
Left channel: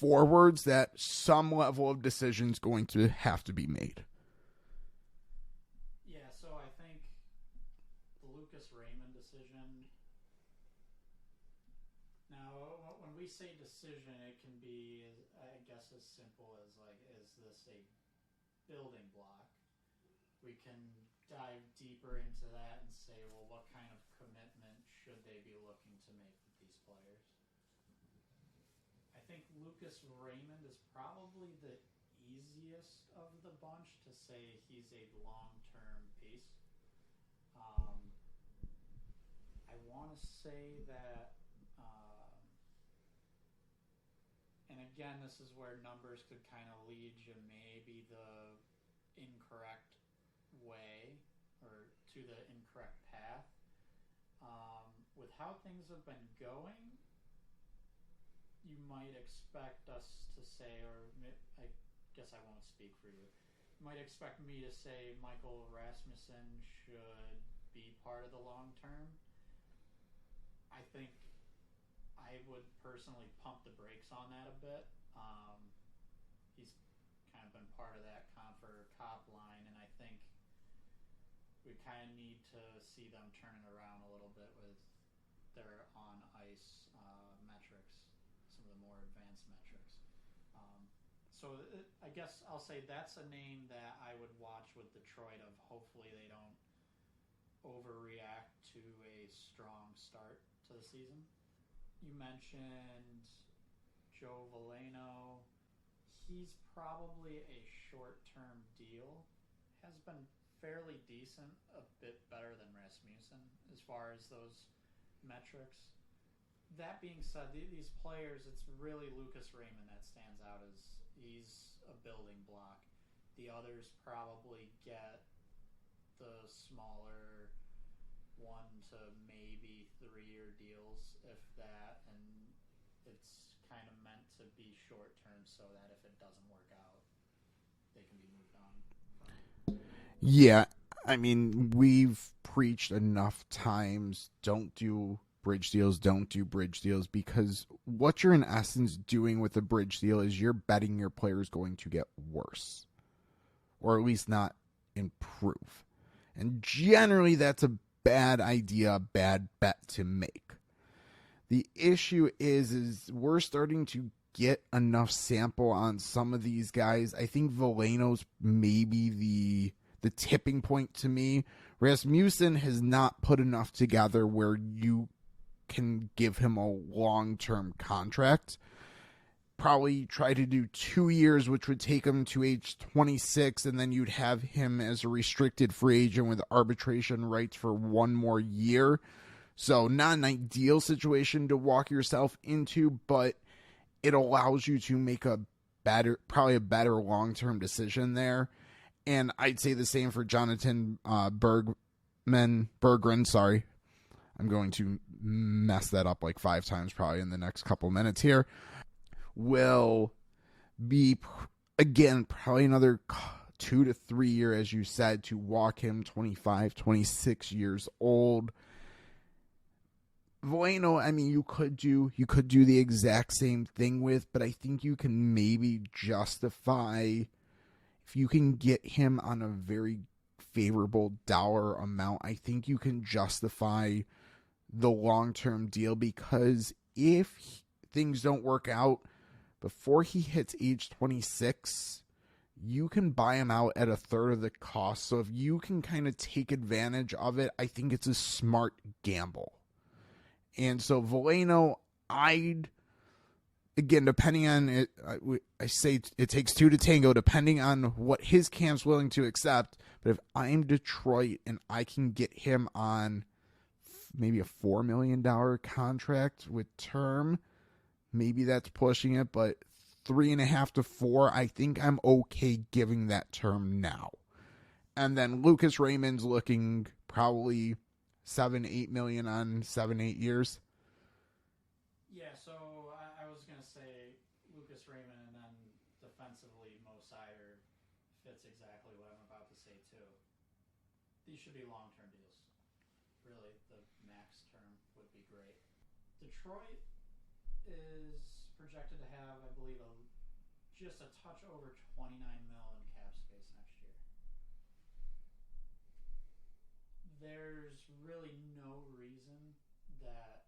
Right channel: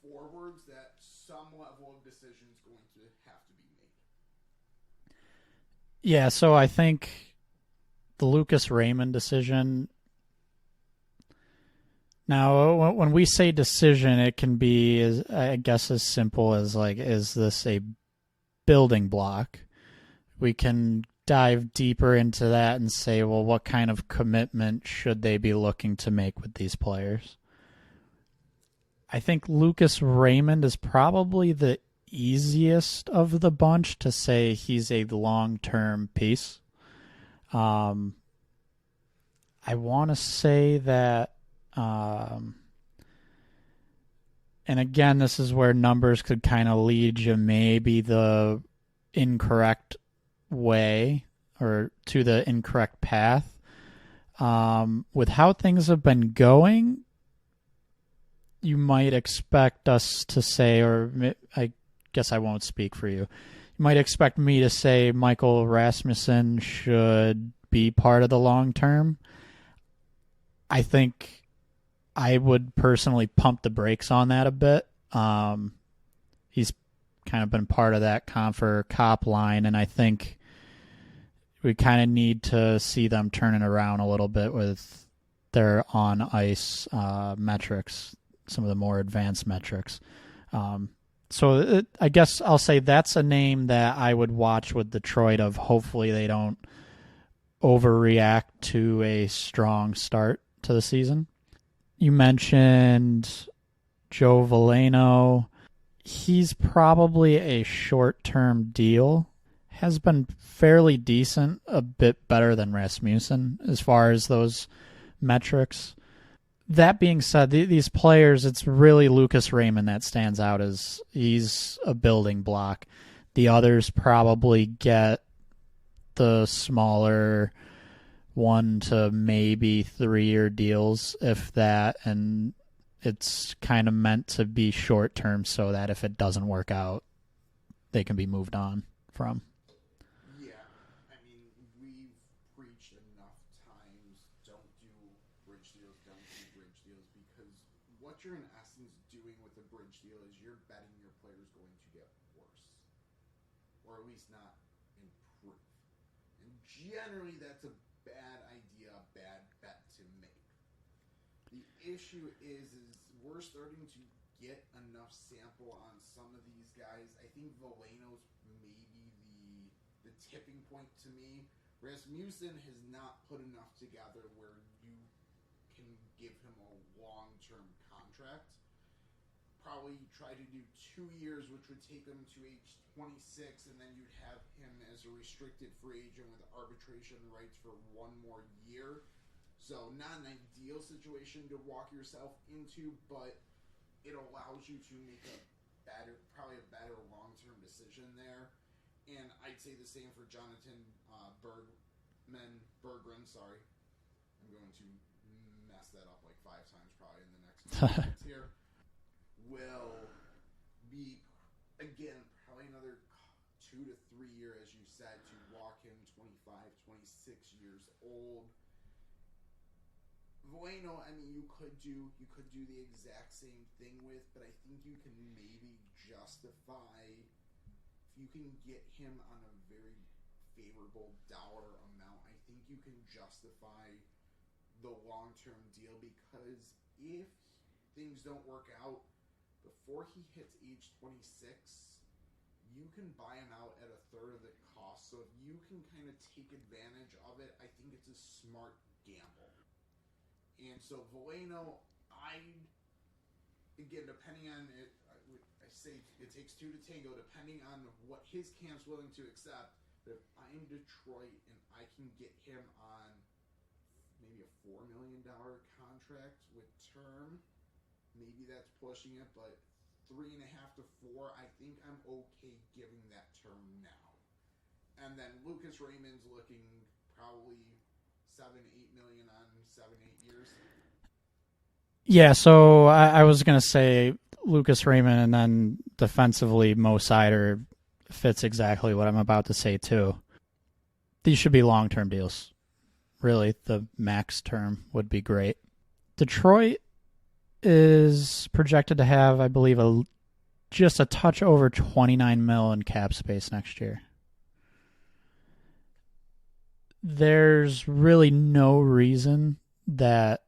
forwards that some level of decision's going to have to be made. Yeah, so I think the Lucas Raymond decision. Now, when we say decision, it can be, I guess, as simple as, like, is this a building block? We can dive deeper into that and say, well, what kind of commitment should they be looking to make with these players? I think Lucas Raymond is probably the easiest of the bunch to say he's a long-term piece. I want to say that, and again, this is where numbers could kind of lead you maybe the incorrect way or to the incorrect path. With how things have been going, you might expect us to say, or I guess I won't speak for you. You might expect me to say Michael Rasmussen should be part of the long term. I think I would personally pump the brakes on that a bit. He's kind of been part of that Confer Cop line, and I think we kind of need to see them turning around a little bit with their on-ice metrics, some of the more advanced metrics. I guess I'll say that's a name that I would watch with Detroit of hopefully they don't overreact to a strong start to the season. You mentioned Joe Veleno. He's probably a short-term deal. Has been fairly decent, a bit better than Rasmussen as far as those metrics. That being said, these players, it's really Lucas Raymond that stands out as he's a building block. The others probably get the smaller 1 to maybe 3-year deals, if that, and it's kind of meant to be short term so that if it doesn't work out, they can be moved on from. Yeah, I mean, we've preached enough times, don't do bridge deals, because what you're in essence doing with a bridge deal is you're betting your player is going to get worse, or at least not improve. And generally that's a bad idea, a bad bet to make. The issue is we're starting to get enough sample on some of these guys. I think Veleno's maybe the tipping point to me. Rasmussen has not put enough together where you can give him a long-term contract. Probably try to do 2 years, which would take him to age 26, and then you'd have him as a restricted free agent with arbitration rights for 1 more year. So not an ideal situation to walk yourself into, but it allows you to make probably a better long-term decision there. And I'd say the same for Jonathan Berggren. Sorry, I'm going to mess that up like 5 times probably in the next couple minutes here. Will be, again, probably another 2 to 3 year, as you said, to walk him, 25, 26 years old. Veleno, I mean, you could do the exact same thing with, but I think you can maybe justify, if you can get him on a very favorable dollar amount, I think you can justify the long-term deal, because if things don't work out before he hits age 26, you can buy him out at 1/3 of the cost. So if you can kind of take advantage of it, I think it's a smart gamble. And so Veleno, again, depending on it, I say it takes 2 to tango, depending on what his camp's willing to accept. But if I'm Detroit and I can get him on maybe a $4 million contract with term, maybe that's pushing it, but 3.5 to 4, I think I'm okay giving that term now. And then Lucas Raymond's looking probably 7-8 million on 7-8 years. Yeah, so I was going to say Lucas Raymond, and then defensively Mo Sider fits exactly what I'm about to say too. These should be long-term deals. Really, the max term would be great. Detroit is projected to have, I believe, just a touch over 29 mil in cap space next year. There's really no reason that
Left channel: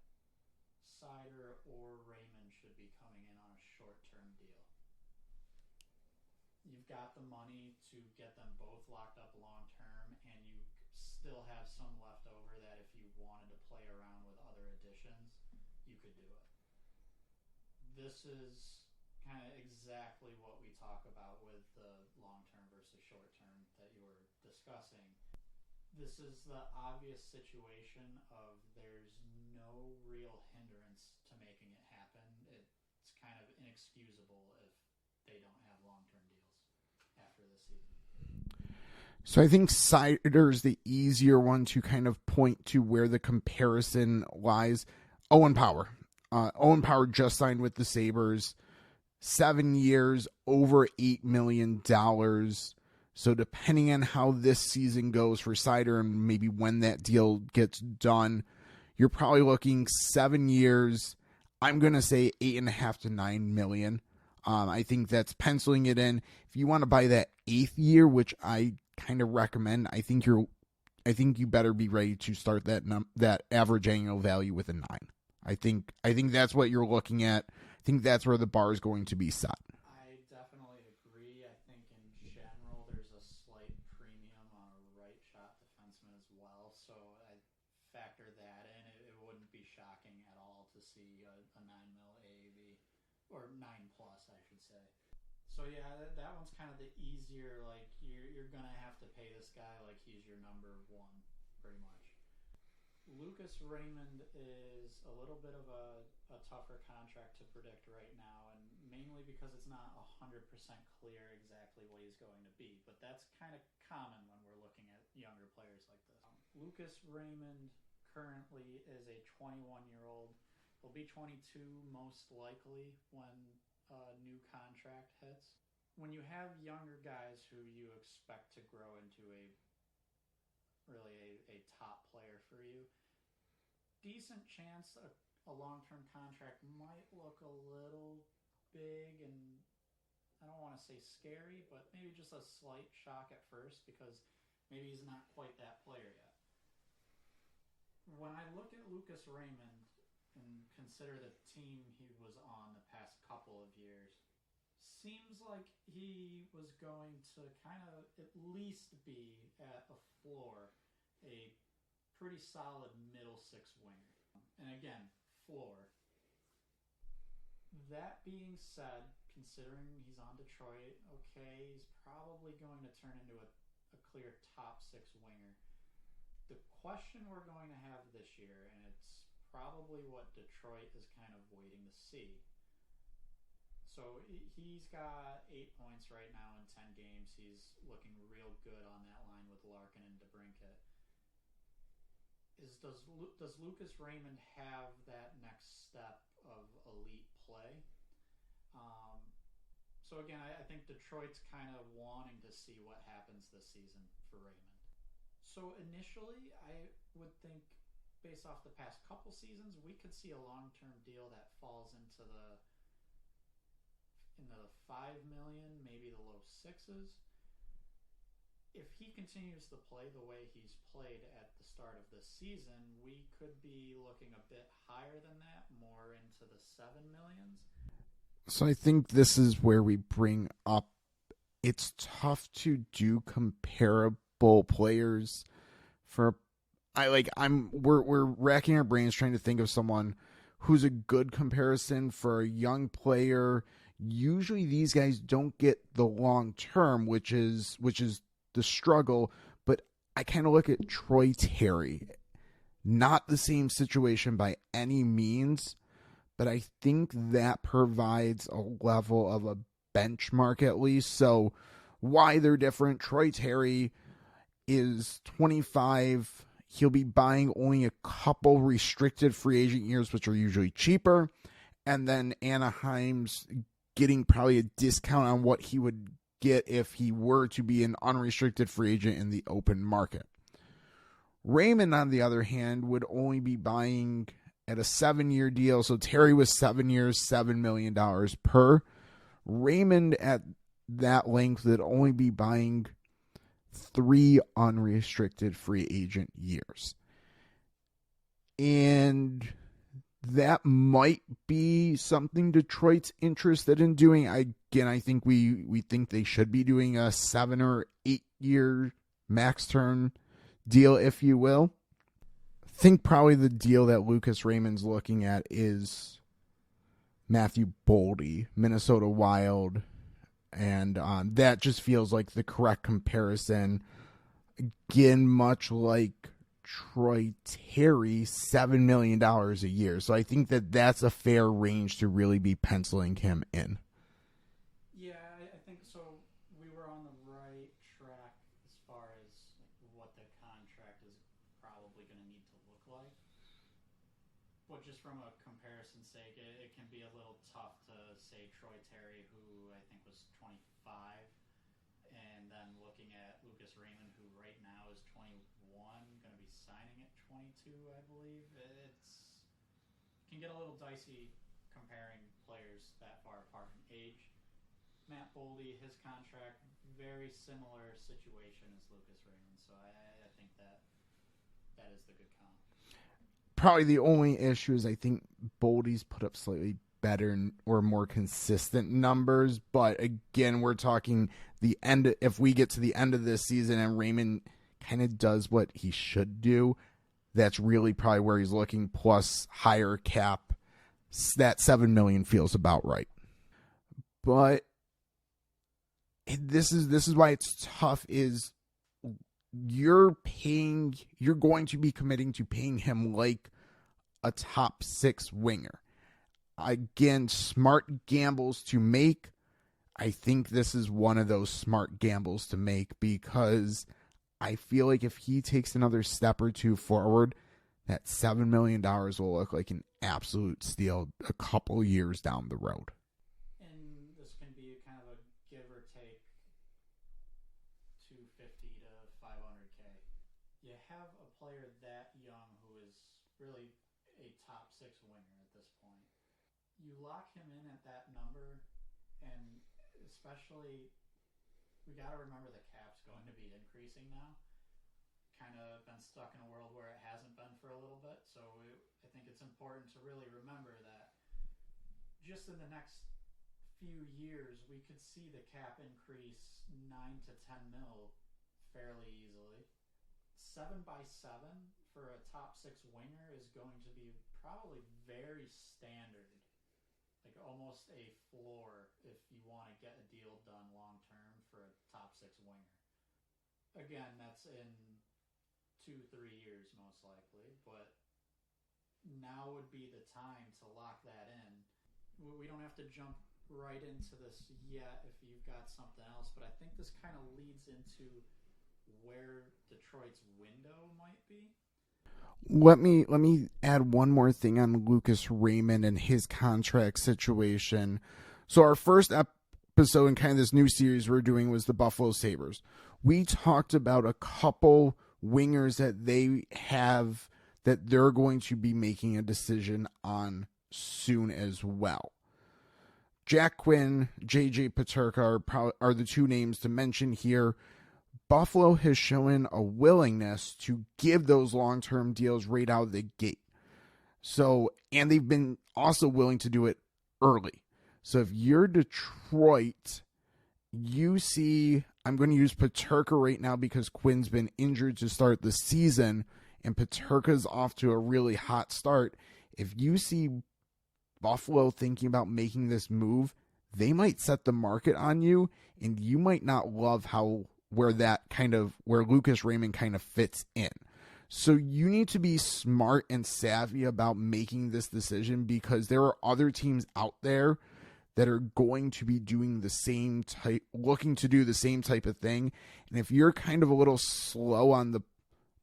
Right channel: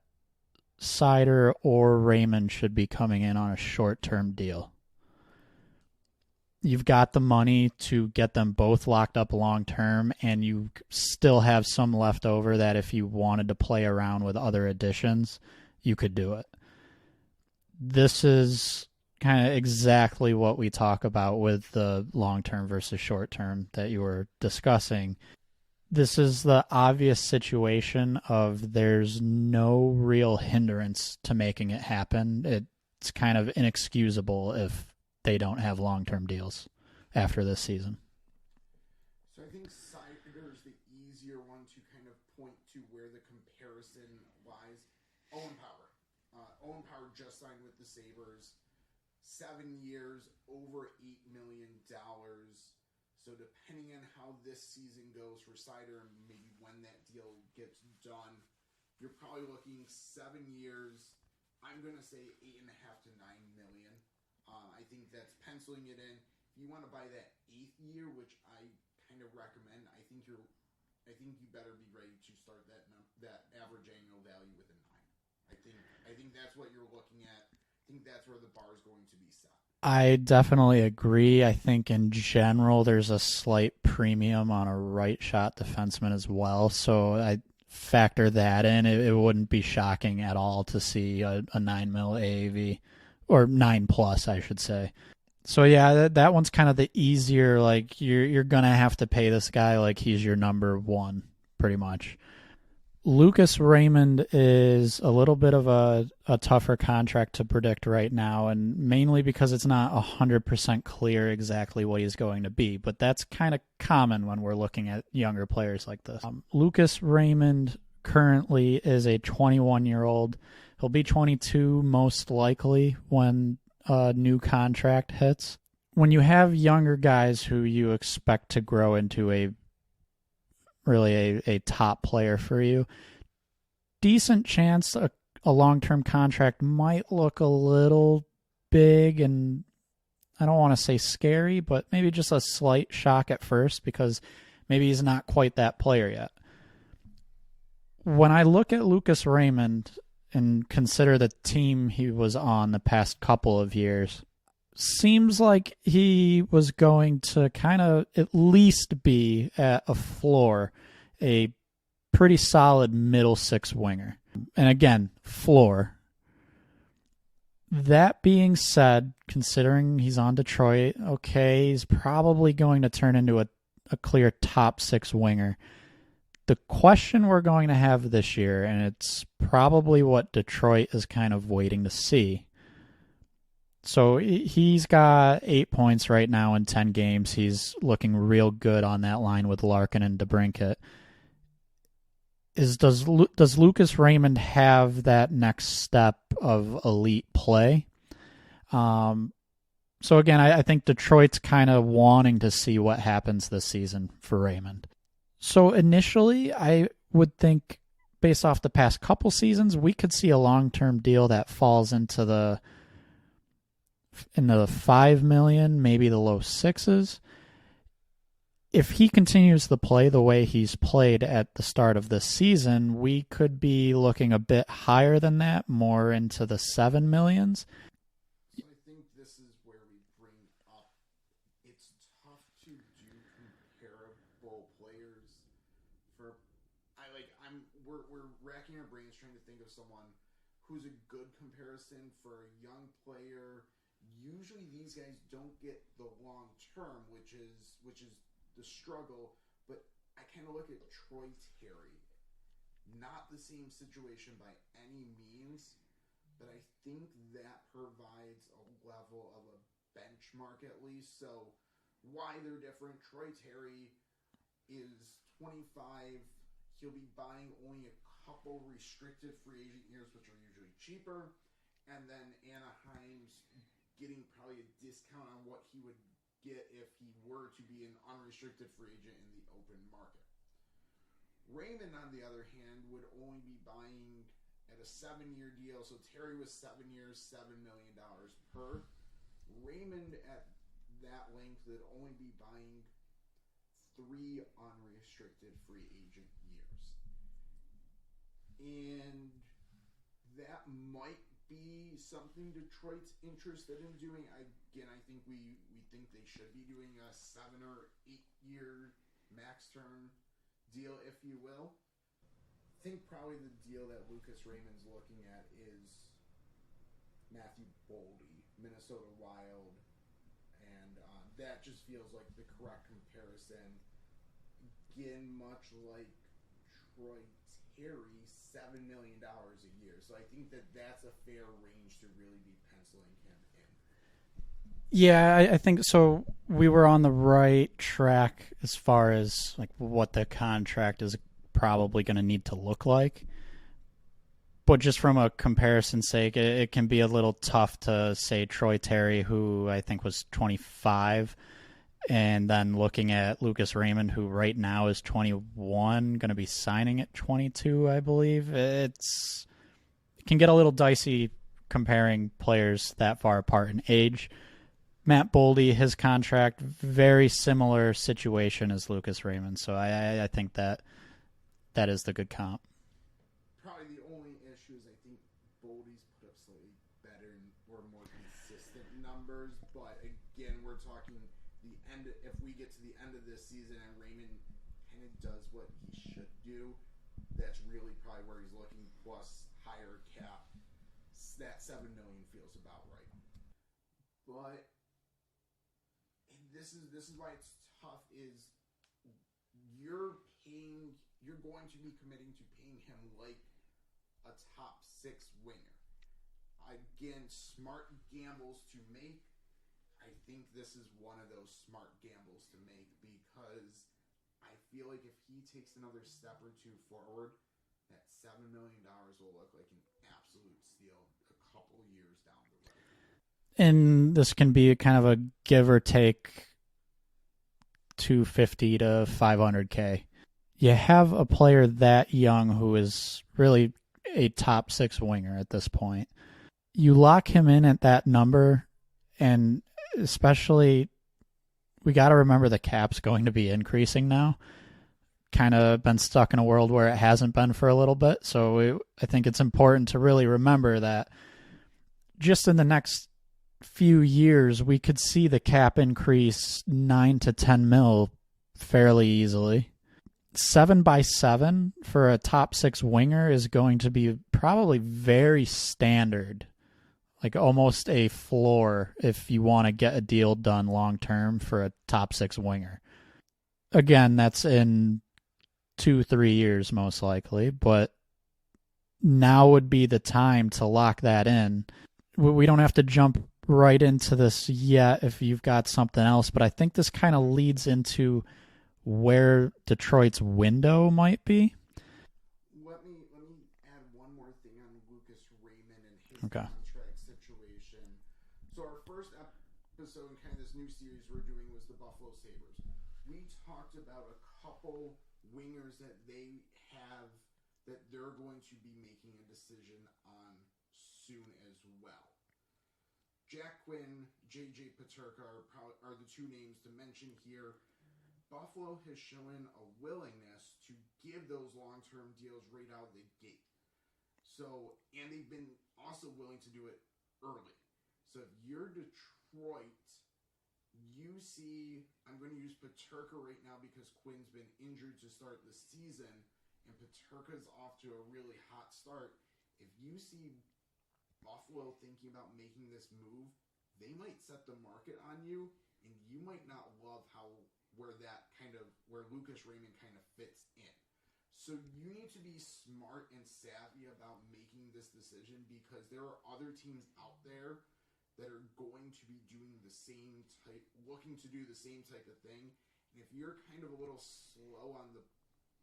Sider or Raymond should be coming in on a short-term deal. You've got the money to get them both locked up long-term, and you still have some left over that if you wanted to play around with other additions, you could do it. This is kind of exactly what we talk about with the long-term versus short-term that you were discussing. This is the obvious situation of there's no real hindrance to making it happen. It's kind of inexcusable if they don't have long-term deals after this season. So I think Sider's the easier one to kind of point to where the comparison lies. Owen Power. Owen Power just signed with the Sabres. 7 years, over $8 million. So depending on how this season goes for Sider and maybe when that deal gets done, you're probably looking 7 years. I'm going to say 8.5 to 9 million. I think that's penciling it in. If you want to buy that 8th year, which I kind of recommend, I think you better be ready to start that average annual value with a 9. I think that's what you're looking at. I think that's where the bar is going to be set. I definitely agree. I think in general there's a slight premium on a right shot defenseman as well. So I factor that in. It wouldn't be shocking at all to see a 9 mil AAV, or 9 plus, I should say. So yeah, that one's kind of the easier, like you're going to have to pay this guy like he's your number one, pretty much. Lucas Raymond is a little bit of a tougher contract to predict right now, and mainly because it's not 100% clear exactly what he's going to be, but that's kind of common when we're looking at younger players like this. Lucas Raymond currently is a 21-year-old. He'll be 22 most likely when a new contract hits. When you have younger guys who you expect to grow into a top player for you, decent chance a long-term contract might look a little big, and I don't want to say scary, but maybe just a slight shock at first because maybe he's not quite that player yet. When I look at Lucas Raymond and consider the team he was on the past couple of years, seems like he was going to kind of at least be at a floor, a pretty solid middle six winger. And again, floor. That being said, considering he's on Detroit, okay, he's probably going to turn into a clear top six winger. The question we're going to have this year, and it's probably what Detroit is kind of waiting to see. So he's got 8 points right now in 10 games. He's looking real good on that line with Larkin and DeBrincat. Does Lucas Raymond have that next step of elite play? So again, I think Detroit's kind of wanting to see what happens this season for Raymond. So initially, I would think, based off the past couple seasons, we could see a long-term deal that falls into the 5 million, maybe the low sixes. If he continues to play the way he's played at the start of this season, we could be looking a bit higher than that, more into the 7 millions. So I think this is where we bring up, it's tough to do comparable players we're racking our brains trying to think of someone who's a good comparison for a young player. Usually these guys don't get the long term, which is the struggle, but I kind of look at Troy Terry. Not the same situation by any means, but I think that provides a level of a benchmark at least. So why they're different, Troy Terry is 25. He'll be buying only a couple restricted free agent years, which are usually cheaper. And then Anaheim's getting probably a discount on what he would get if he were to be an unrestricted free agent in the open market. Raymond, on the other hand, would only be buying at a 7-year deal. So Terry was 7 years, $7 million per. Raymond at that length would only be buying 3 unrestricted free agent years. And that might be something Detroit's interested in doing. I think we think they should be doing a 7 or 8 year max term deal, if you will. I think probably the deal that Lucas Raymond's looking at is Matthew Boldy, Minnesota Wild, and that just feels like the correct comparison. Again, much like Troy Terry, $7 million a year. So I think that that's a fair range to really be penciling him in. Yeah, I think so. We were on the right track as far as like what the contract is probably going to need to look like. But just from a comparison sake, it can be a little tough to say Troy Terry, who I think was 25, and then looking at Lucas Raymond, who right now is 21, going to be signing at 22, I believe. It can get a little dicey comparing players that far apart in age. Matt Boldy, his contract, very similar situation as Lucas Raymond. So I think that is the good comp. Probably the only issue is I think Boldy's put up slightly better or more consistent numbers. But again, we're talking the end. If we get to the end of this season and Raymond kind of does what he should do, that's really probably where he's looking, plus higher cap. That $7 million feels about right. But this is why it's tough. Is you're going to be committing to paying him like a top 6 winger. Again, smart gambles to make. I think this is one of those smart gambles to make, because I feel like if he takes another step or two forward, that $7 million will look like an absolute steal a couple years down the road. And this can be kind of a give or take $250 to $500K. You have a player that young who is really a top 6 winger at this point. You lock him in at that number, and especially we got to remember the cap's going to be increasing now. Kind of been stuck in a world where it hasn't been for a little bit. So I think it's important to really remember that just in the next few years, we could see the cap increase 9 to 10 mil fairly easily. 7x7 for a top 6 winger is going to be probably very standard, like almost a floor if you want to get a deal done long term for a top 6 winger. Again, that's in 2-3 years most likely, but now would be the time to lock that in. We don't have to jump right into this yet if you've got something else, but I think this kind of leads into where Detroit's window might be. Let me add one more thing on Lucas Raymond and his contract situation. So our first episode in kind of this new series we're doing was the Buffalo Sabres. We talked about a couple wingers that they have that they're going to be making a decision on soon as well. Jack Quinn, J.J. Peterka are the 2 names to mention here. Buffalo has shown a willingness to give those long-term deals right out of the gate. So, and they've been also willing to do it early. So if you're Detroit, you see, I'm going to use Peterka right now because Quinn's been injured to start the season, and Peterka's off to a really hot start. If you see Buffalo thinking about making this move, they might set the market on you, and you might not love where Lucas Raymond kind of fits in. So you need to be smart and savvy about making this decision, because there are other teams out there that are going to be looking to do the same type of thing. And if you're kind of a little slow on the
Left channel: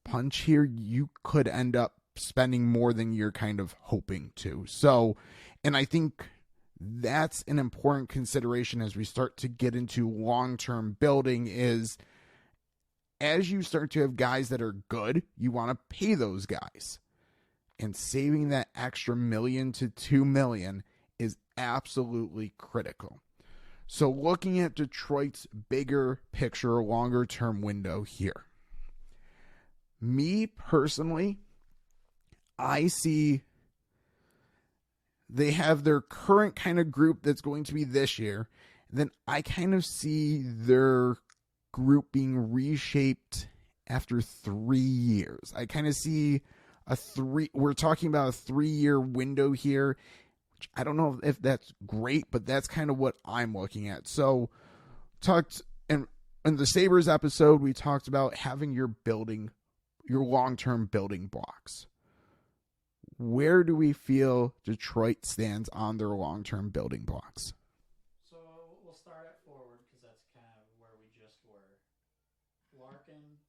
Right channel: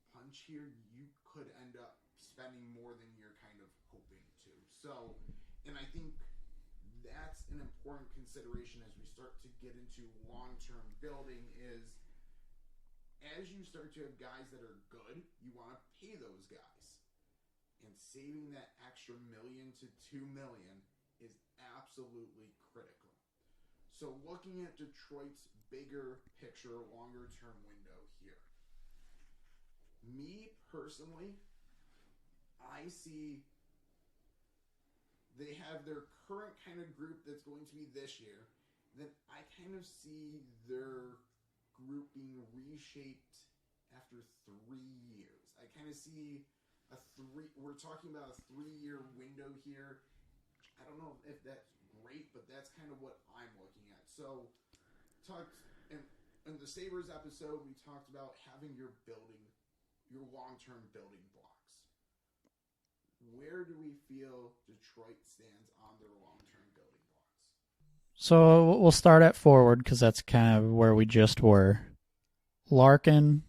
punch here, you could end up spending more than you're kind of hoping to. So, and I think that's an important consideration as we start to get into long-term building is as you start to have guys that are good, you want to pay those guys. And saving that extra $1 million to $2 million is absolutely critical. So looking at Detroit's bigger picture, longer term window here. Me personally, I see they have their current kind of group that's going to be this year. Then I kind of see their group being reshaped after 3 years. I kind of see we're talking about a 3-year window here. Which I don't know if that's great, but that's kind of what I'm looking at. So in the Sabres episode, we talked about having your long-term building blocks. Where do we feel Detroit stands on their long-term building blocks? So we'll start at forward because that's kind of where we just were. Larkin,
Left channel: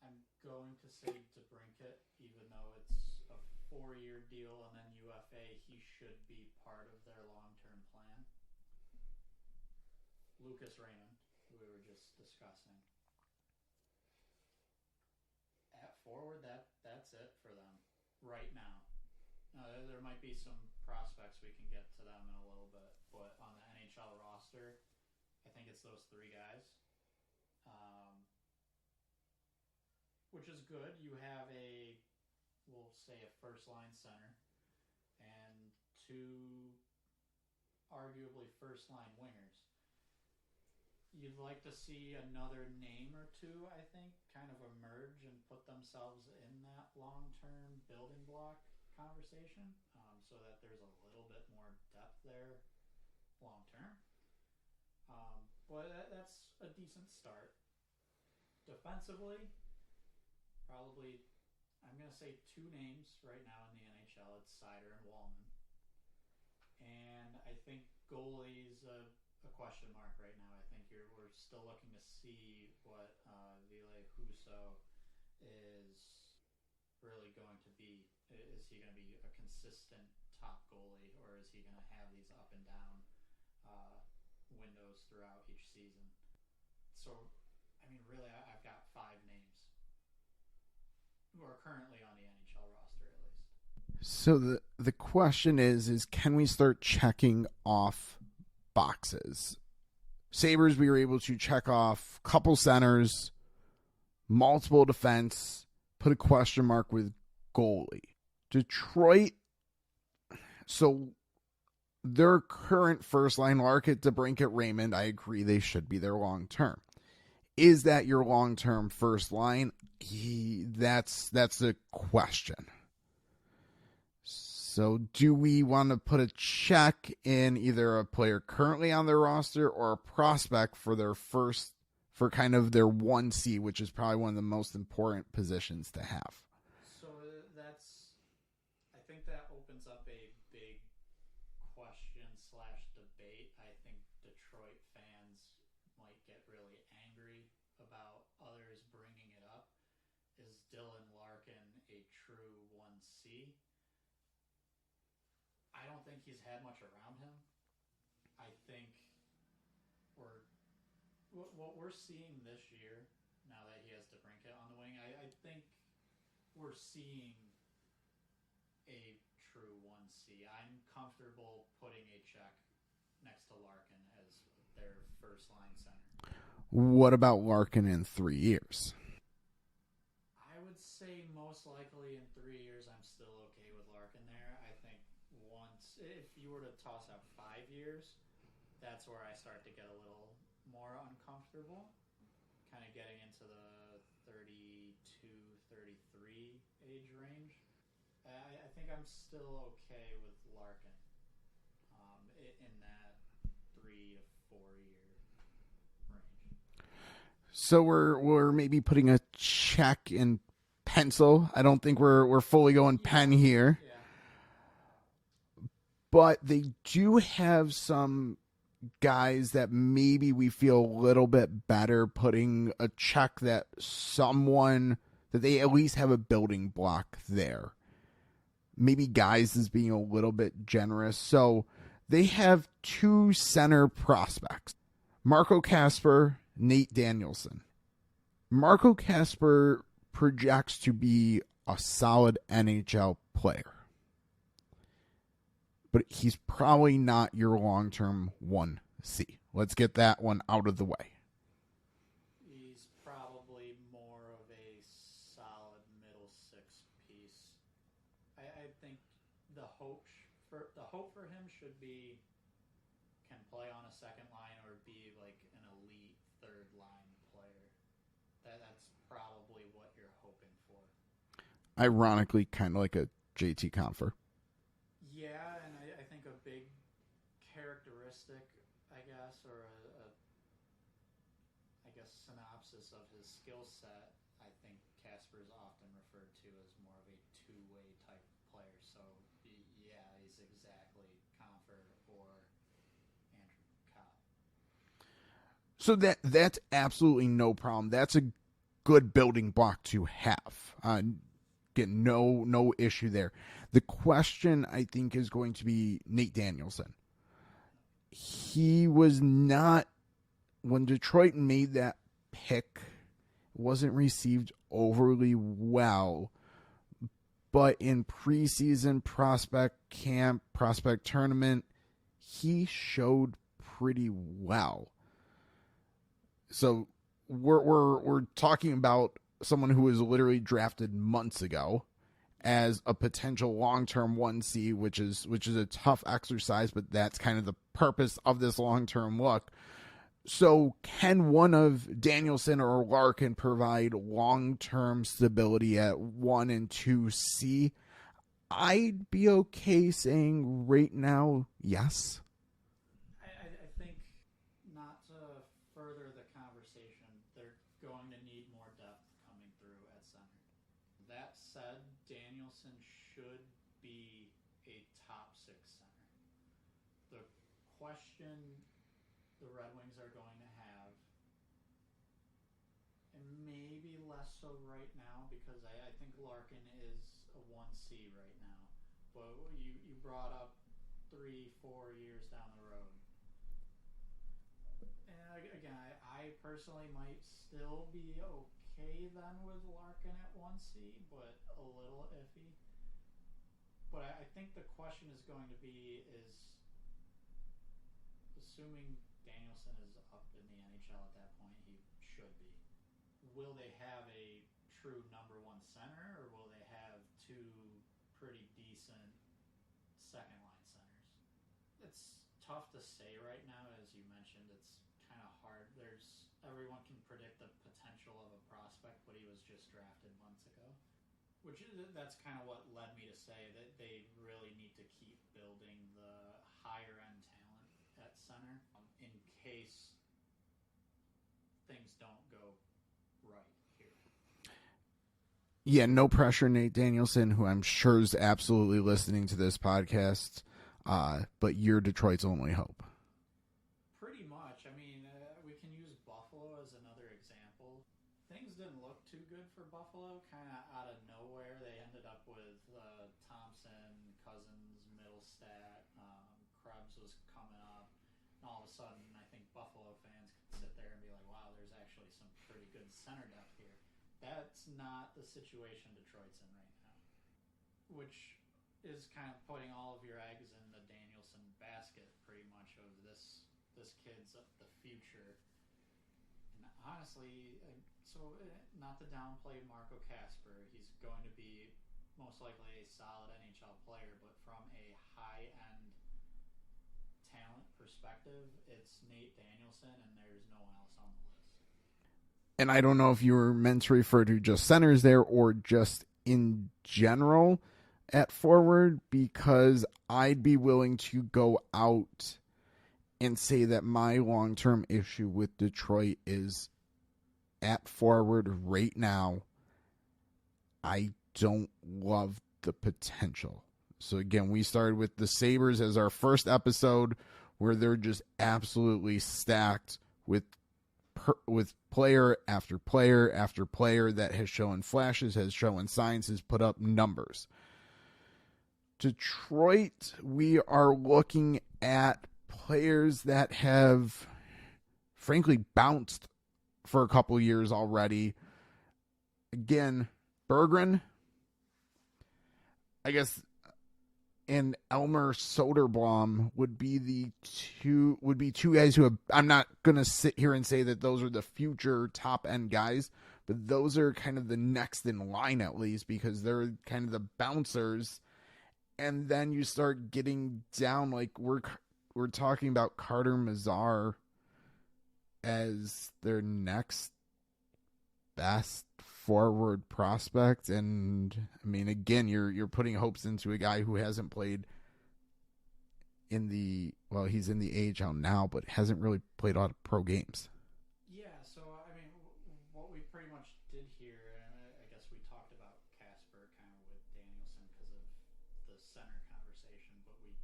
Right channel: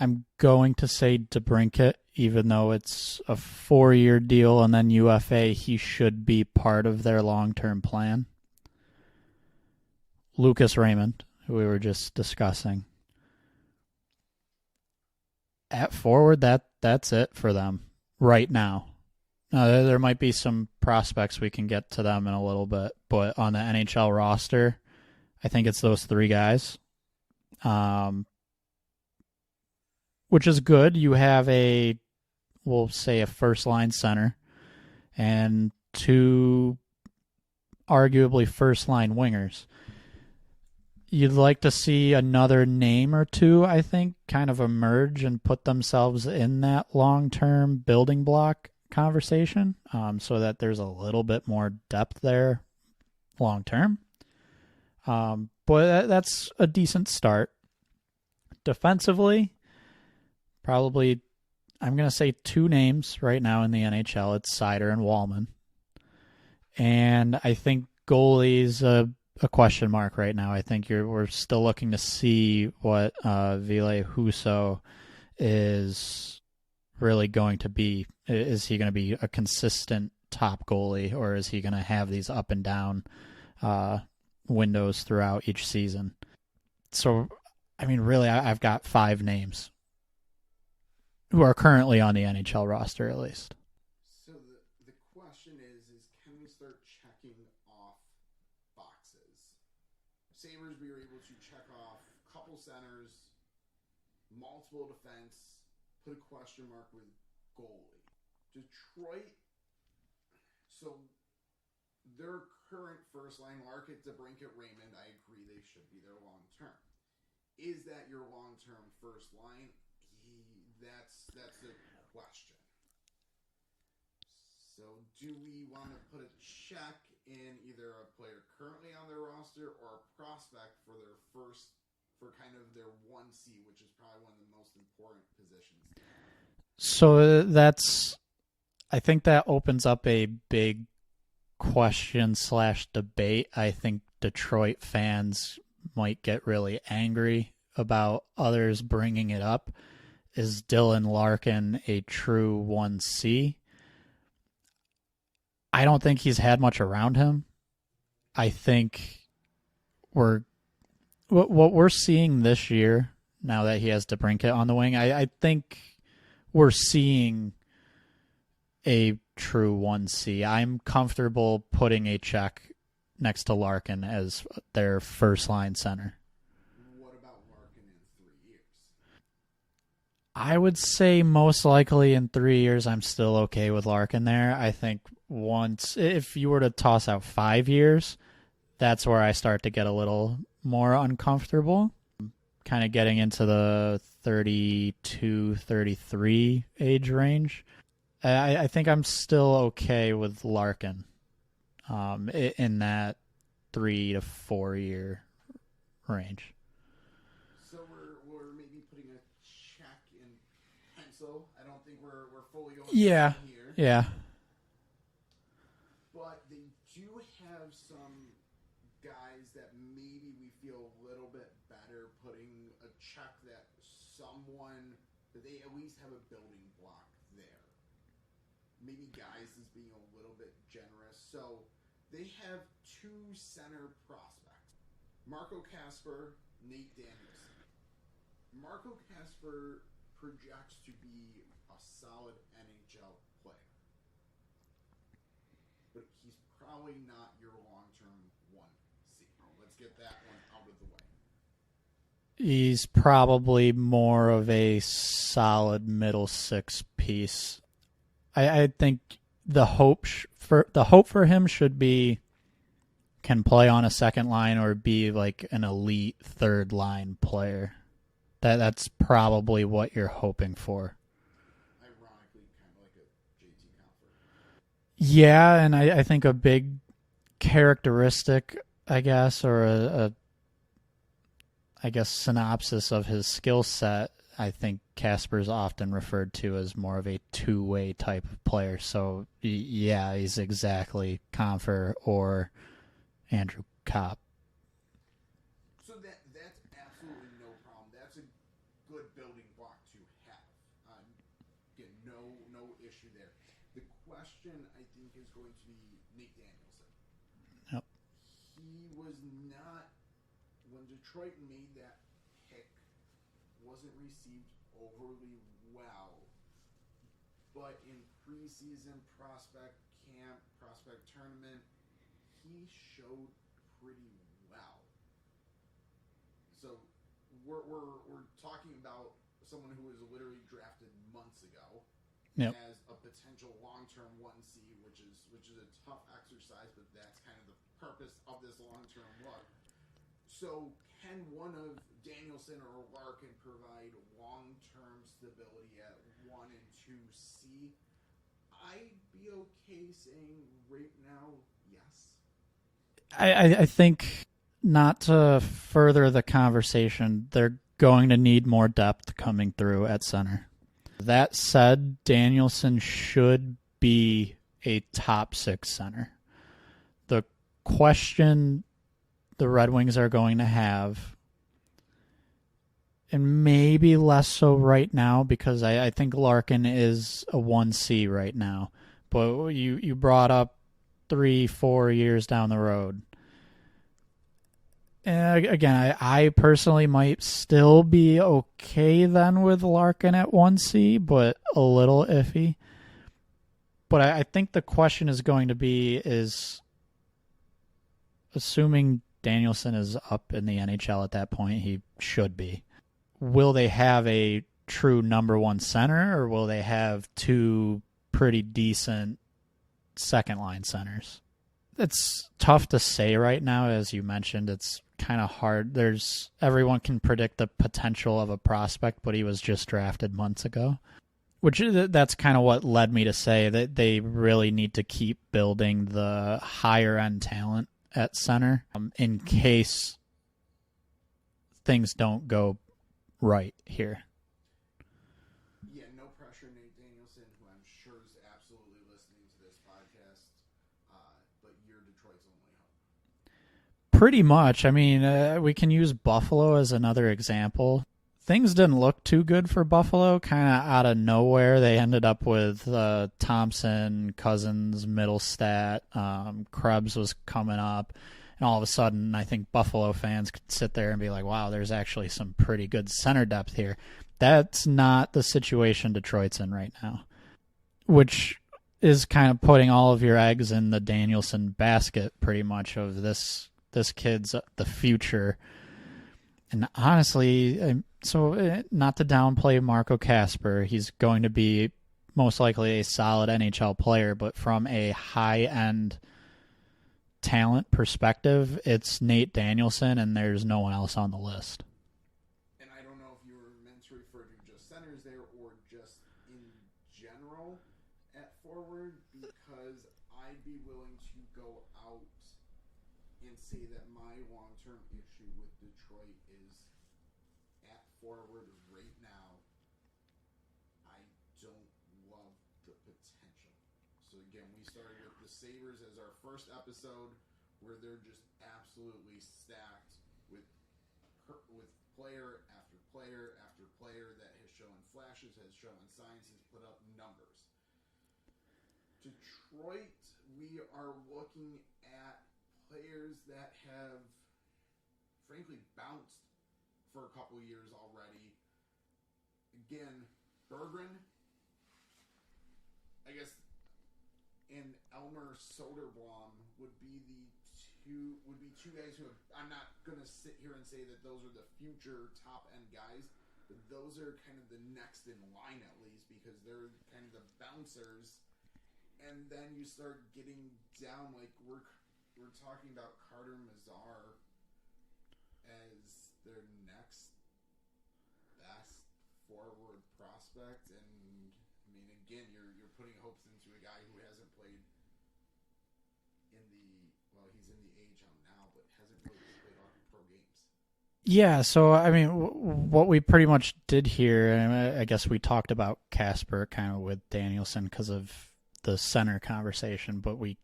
I'm going to say DeBrincat, even though it's a 4-year deal and then UFA, he should be part of their long-term plan. Lucas Raymond, who we were just discussing. At forward, that's it for them right now. There might be some prospects we can get to them in a little bit, but on the NHL roster, I think it's those 3 guys. Which is good. You have we'll say a first-line center and 2 arguably first-line wingers. You'd like to see another name or 2, I think, kind of emerge and put themselves in that long-term building block conversation so that there's a little bit more depth there long-term. But that's a decent start. Defensively, probably, I'm going to say 2 names right now in the NHL. It's Seider and Wallman. And I think goalie's a question mark right now. I think we're still looking to see what Ville Husso is really going to be. Is he going to be a consistent top goalie, or is he going to have these up and down windows throughout each season? So, I mean, really, I've got 5 names who are currently on the NHL roster, at least. So the question is can we start checking off boxes? Sabres, we were able to check off a couple centers, multiple defense, put a question mark with goalie. Detroit, so their current first line, Larkin, DeBrincat, Raymond, I agree they should be their long term. Is that your long term first line? That's the question. So do we want to put a check in either a player currently on their roster or a prospect for kind of their 1C, which is probably one of the most important positions to have? So I think that opens up a big question/debate. I think Detroit fans might get really angry about others bringing it up. Is Dylan Larkin a true 1C? I don't think he's had much around him. I think what we're seeing this year, now that he has DeBrincat on the wing, I think we're seeing a true 1C. I'm comfortable putting a check next to Larkin as their first-line center. What about Larkin in 3 years? I would say most likely in 3 years, I'm still okay with Larkin there. I think if you were to toss out 5 years, that's where I start to get a little more uncomfortable. Kind of getting into the 32, 33 age range. I think I'm still okay with Larkin in that 3 to 4 year range. So we're maybe putting a check in pencil. I don't think we're fully going pen here. Yeah. but they do have some guys that maybe we feel a little bit better putting a check that they at least have a building block there. Maybe guys is being a little bit generous. So they have 2 center prospects, Marco Kasper, Nate Danielson. Marco Kasper projects to be a solid NHL player, but he's probably not your long-term 1C. Let's get that one out of the way. He's probably more of a solid middle 6 piece. I think the hope for him should be can play on a second line or be like an elite third line player. That's probably what you're hoping for. Ironically, kind of like a JT Compher. Yeah, and I think a big characteristic, I guess, or a synopsis of his skill set, I think Kasper's often referred to as more of a two-way type of player. So, yeah, he's exactly Compher or Andrew Kopp. So that's absolutely no problem. That's a good building block to have. Again, no issue there. The question, I think, is going to be Nate Danielson. Yep. He was not, when Detroit made that pick, wasn't received overly well. But in preseason prospect camp, prospect tournament, he showed pretty well. So we're talking about someone who was literally drafted months ago as a potential long-term 1C, which is a tough exercise, but that's kind of the purpose of this long-term look. So can one of Danielson or Larkin provide long-term stability at 1 and 2C? I'd be okay saying right now, yes. I think, not to further the conversation, they're going to need more depth coming through at center. That said, Danielson should be a top 6 center. The question the Red Wings are going to have, and maybe less so right now, because I think Larkin is a 1C right now, but you brought up 3-4 years down the road. And again, I personally might still be okay then with Larkin at 1C, but a little iffy. But I think the question is going to be is, assuming Danielson is up in the NHL at that point, he should be. Will they have a true number 1 center, or will they have 2 pretty decent second line centers? It's tough to say right now, as you mentioned. It's kind of hard. Everyone can predict the potential of a prospect, but he was just drafted months ago. That's kind of what led me to say that they really need to keep building the higher end talent at center in case things don't go right here. Yeah, no pressure, Nate Danielson, who I'm sure is absolutely listening to this podcast, but you're Detroit's only hope. Pretty much. I mean, we can use Buffalo as another example. Things didn't look too good for Buffalo, kind of out of nowhere. They ended up with Thompson, Cousins, Middlestat, Krebs was coming up, and all of a sudden I think Buffalo fans could sit there and be like, wow, there's actually some pretty good center depth here. That's not the situation Detroit's in right now, which is kind of putting all of your eggs in the Danielson basket pretty much of this kid's the future. And honestly, so not to downplay Marco Kasper, he's going to be most likely a solid NHL player, but from a high-end talent perspective, it's Nate Danielson, and there's no one else on the list. And I don't know if you were meant to refer to just centers there or just in general at forward, because I'd be willing to go out and say that my long-term issue with Detroit is at forward right now. I don't love the potential. So again, we started with the Sabres as our first episode, where they're just absolutely stacked with player after player after player that has shown flashes, has shown signs, has put up numbers. Detroit, we are looking at players that have, frankly, bounced for a couple years already. Again, Berggren, I guess, and Elmer Soderblom would be two guys who have, I'm not going to sit here and say that those are the future top end guys, but those are kind of the next in line, at least, because they're kind of the bouncers. And then you start getting down, like we're talking about Carter Mazar as their next best forward prospect. And I mean, again, you're putting hopes into a guy who hasn't played he's in the AHL now, but hasn't really played a lot of pro games. Yeah, so I mean, what we pretty much did here, and I guess we talked about Casper kind of with Danielson because of the center conversation, but we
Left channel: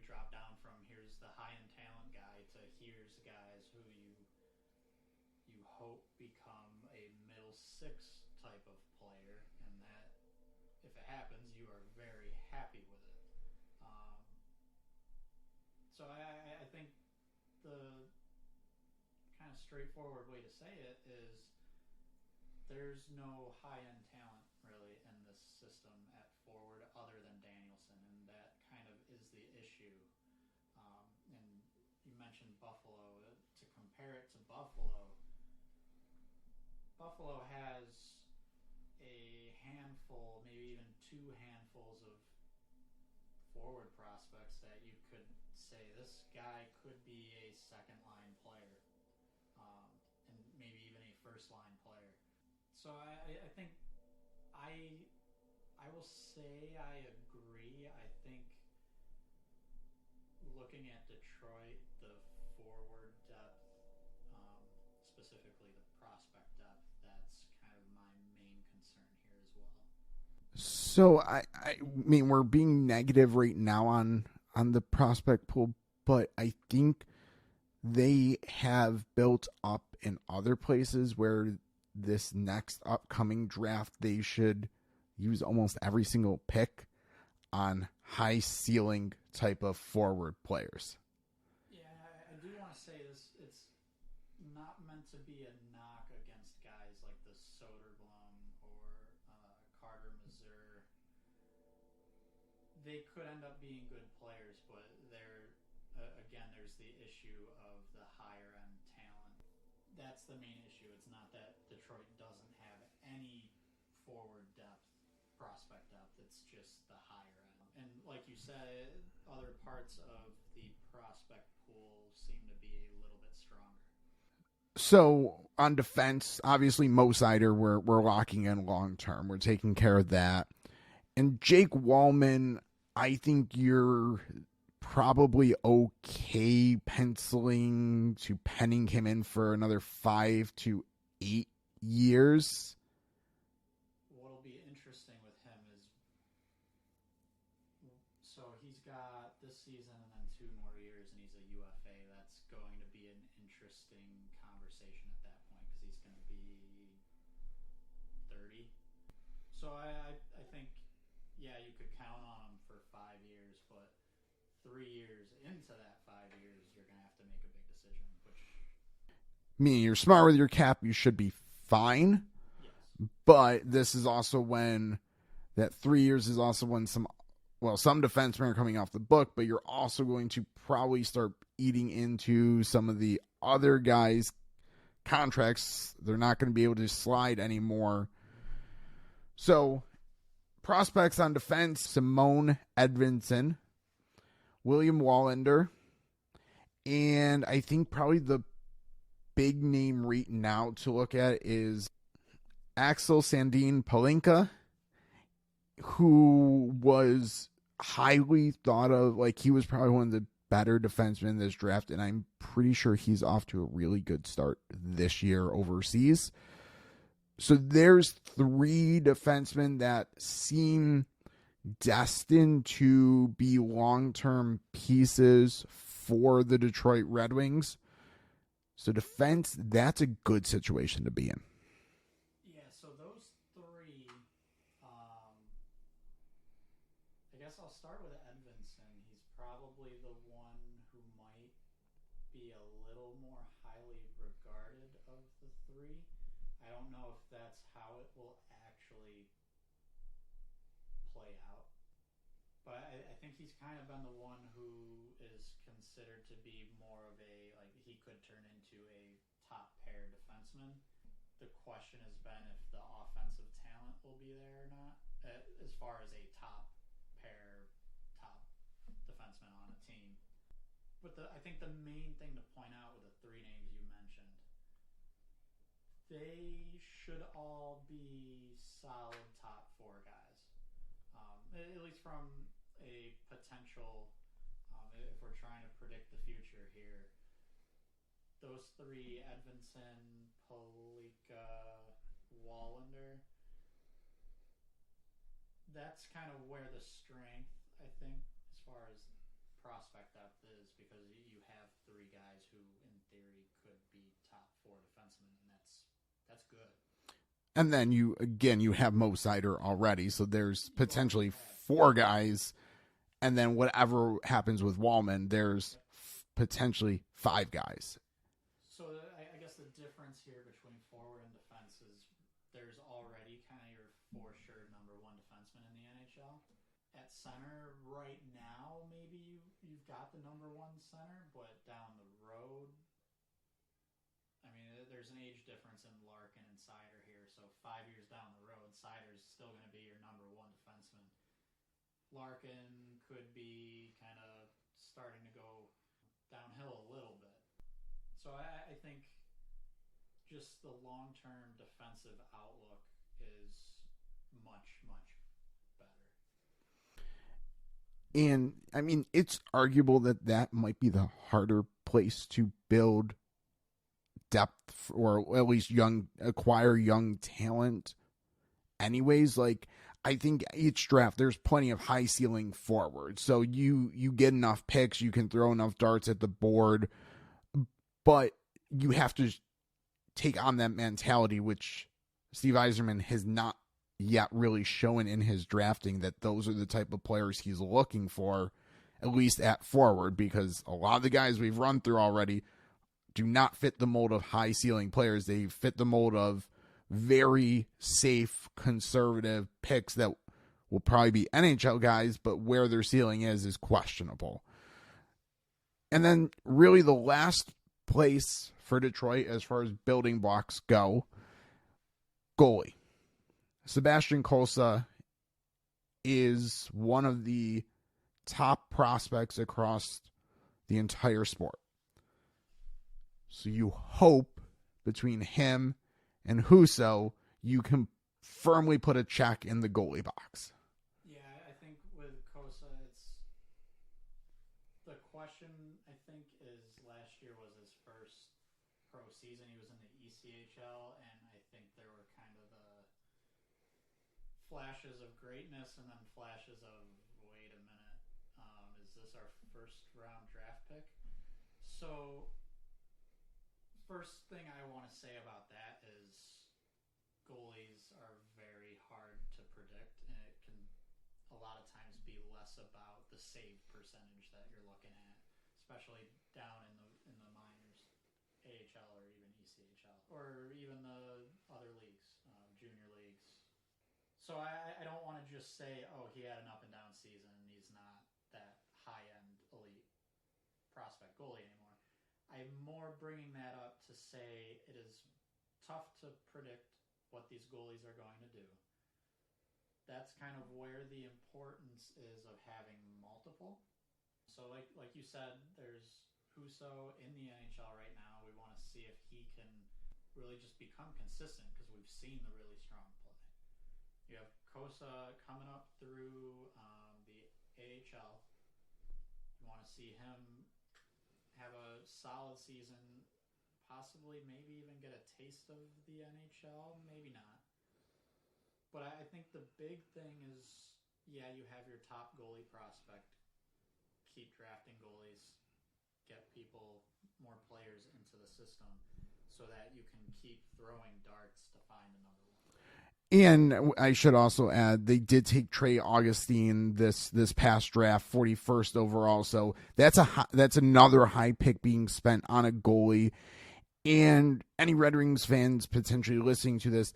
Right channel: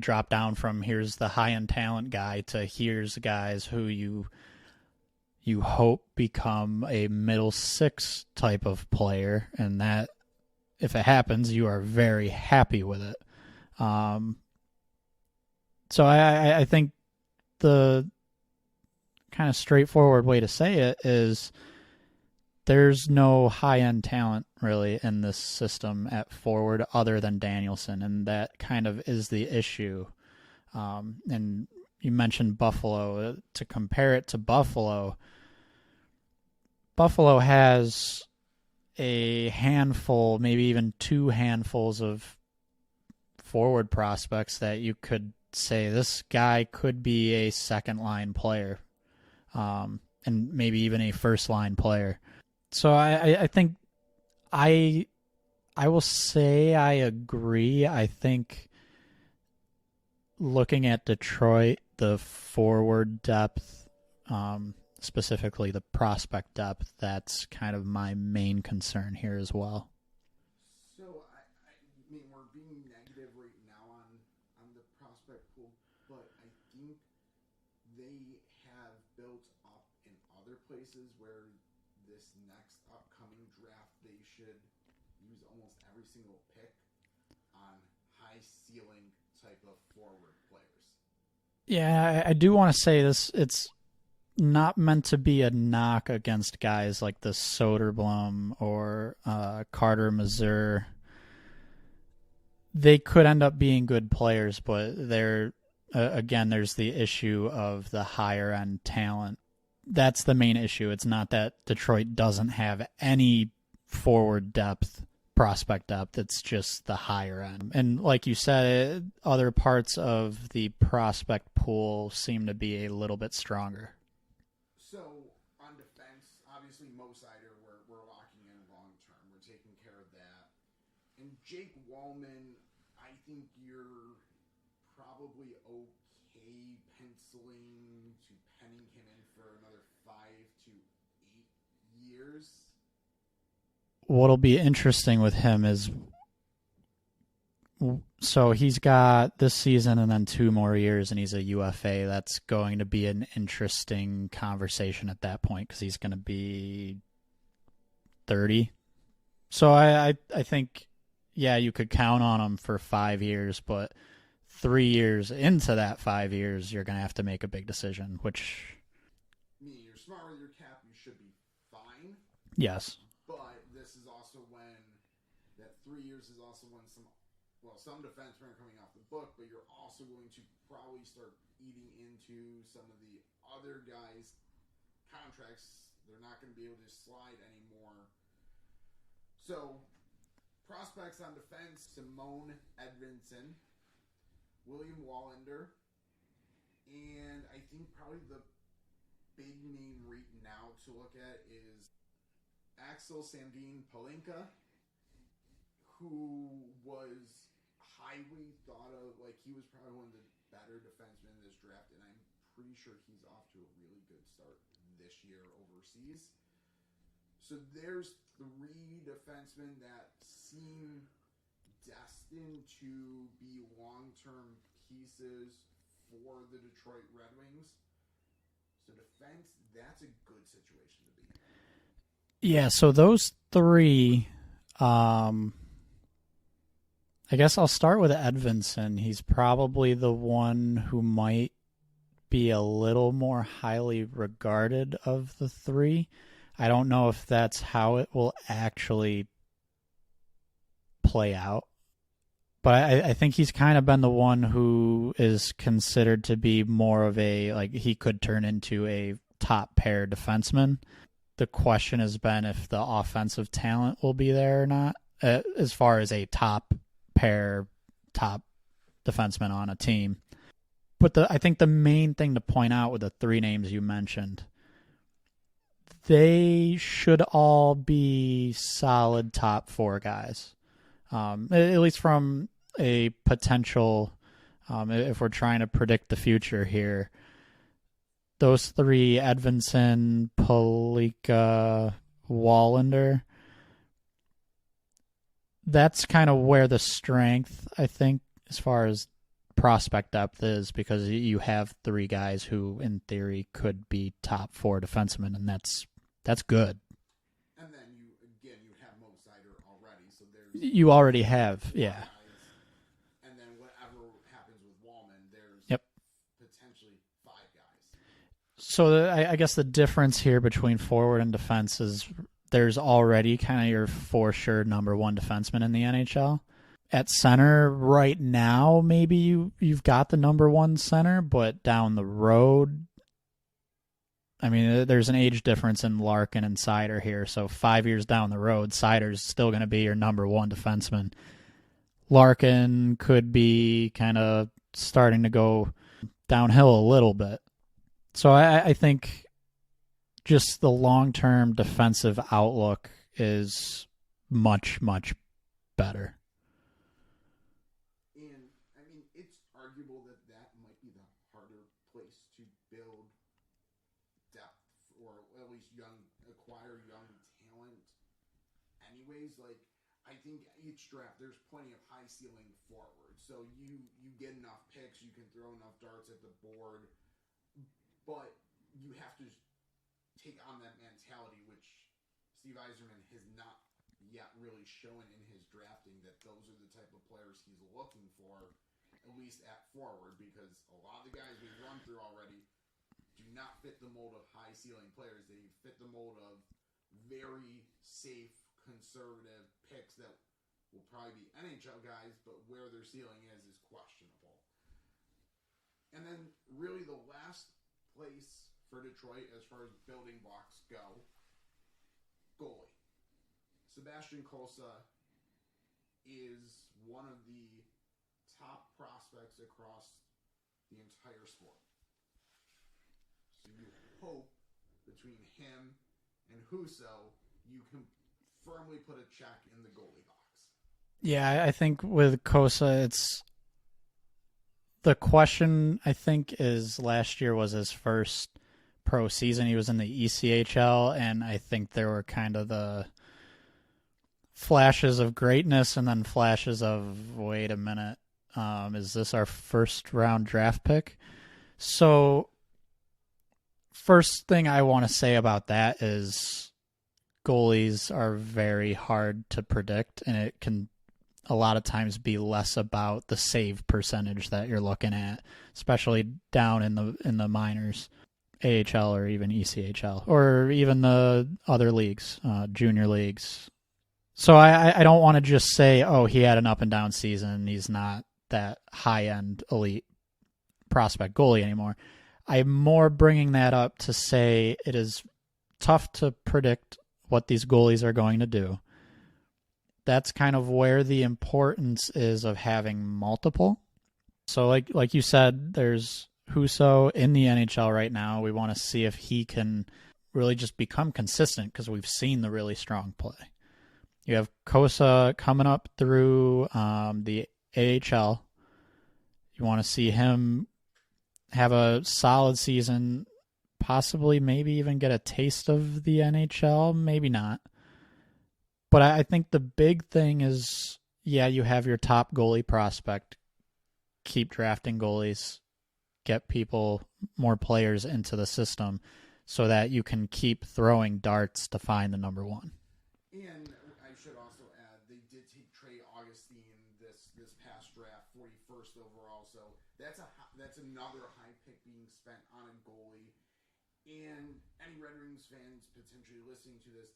dropped down from here's the high-end talent guy to here's guys who you hope become a middle six type of player, and that if it happens, you are very happy with it. So I think the kind of straightforward way to say it is there's no high-end talent really in this system at forward other than Danielson, and that kind of is the issue. And you mentioned Buffalo. To compare it to Buffalo, Buffalo has a handful, maybe even two handfuls of forward prospects that you could say this guy could be a second-line player, and maybe even a first-line player. So I think I will say I agree. I think looking at Detroit, the forward depth, specifically the prospect depth, that's kind of my main concern here as well. So I mean, we're being negative right now on the prospect pool, but I think they have built up in other places where this next upcoming draft, they should use almost every single pick on high ceiling type of forward players. Yeah, I do want to say this. It's not meant to be a knock against guys like the Soderblom or Carter Mazur. They could end up being good players, but they're again, there's the issue of the higher end talent. That's the main issue. It's not that Detroit doesn't have any forward depth, prospect depth. It's just the higher end. And like you said, other parts of the prospect pool seem to be a little bit stronger. So on defense, obviously Mo Seider, we're locking in long term. We're taking care of that. And Jake Wallman, I think you're probably okay penning him in for another 5 to 8 years. What'll be interesting with him is, so he's got this season and then 2 more years, and he's a UFA. That's going to be an interesting conversation at that point because he's going to be 30. So I think, yeah, you could count on him for 5 years, but 3 years into that 5 years, you're going to have to make a big decision, which... Meaning you're smart with your cap, you should be fine. Yes. But this is also when that 3 years is also when some defensemen are coming off the book, but you're also going to probably start eating into some of the other guys' contracts. They're not going to be able to slide anymore. So, prospects on defense, Simone Edvinsson, William Wallander, and I think probably the big name right now to look at is Axel Sandin Palinka, who was highly thought of, like he was probably one of the better defensemen in this draft, and I'm pretty sure he's off to a really good start this year overseas. So there's 3 defensemen that seem destined to be long-term pieces for the Detroit Red Wings. So defense, that's a good situation to be in. Yeah, so those three, I guess I'll start with Edvinsson. He's probably the one who might be a little more highly regarded of the three. I don't know if that's how it will actually play out. But I think he's kind of been the one who is considered to be more of a, like, he could turn into a top pair defenseman. The question has been if the offensive talent will be there or not, as far as a top pair, top defenseman on a team. But I think the main thing to point out with the three names you mentioned, they should all be solid top four guys. At least from a potential, if we're trying to predict the future here, those three, Edvinsson, Palika, Wallander, that's kind of where the strength, I think, as far as prospect depth is, because you have three guys who, in theory, could be top four defensemen, and that's good. And then you have Mo Seider already, so there's you already have four guys, and then whatever happens with Wallman, there's potentially five guys. So I guess the difference here between forward and defense is there's already kind of your for sure number one defenseman in the NHL. At center right now, maybe you've got the number one center, but down the road, I mean, there's an age difference in Larkin and Seider here. So 5 years down the road, Seider's still going to be your number one defenseman. Larkin could be kind of starting to go downhill a little bit. So I think just the long-term defensive outlook is much, much better. And, I mean, it's arguable that might be the harder place to build depth, or at least acquire young talent anyways. Like, I think each draft there's plenty of high ceiling forwards, so you get enough picks, you can throw enough darts at the board, but you have to take on that mentality, which Steve Yzerman has not yet really shown in his drafting, that those are the type of players he's looking for, at least at forward, because a lot of the guys we've run through already do not fit the mold of high ceiling players. They fit the mold of very safe, conservative picks that will probably be NHL guys, but where their ceiling is questionable. And then really the last place for Detroit as far as building blocks go, goalie. Sebastian Cossa is one of the top prospects across the entire sport. So you hope between him and Husso, you can firmly put a check in the goalie box. Yeah, I think with Cossa, it's the question, I think, is last year was his first pro season. He was in the ECHL, and I think there were kind of the flashes of greatness and then flashes of, wait a minute, is this our first round draft pick? So first thing I want to say about that is goalies are very hard to predict, and it can a lot of times be less about the save percentage that you're looking at, especially down in the minors, AHL or even ECHL, or even the other leagues, junior leagues. So I don't want to just say, oh, he had an up and down season, he's not that high-end elite prospect goalie anymore. I'm more bringing that up to say it is tough to predict what these goalies are going to do. That's kind of where the importance is of having multiple. So like you said, there's Husso in the NHL right now. We want to see if he can really just become consistent, because we've seen the really strong play. You have Cossa coming up through the AHL. You want to see him have a solid season, possibly maybe even get a taste of the NHL, maybe not. But I think the big thing is yeah, you have your top goalie prospect. Keep drafting goalies, get people, more players into the system so that you can keep throwing darts to find the number one. And I should also add, they did take Trey Augustine this past draft, 41st overall. So that's another high pick being spent on a goalie. And any Red Wings fans potentially listening to this,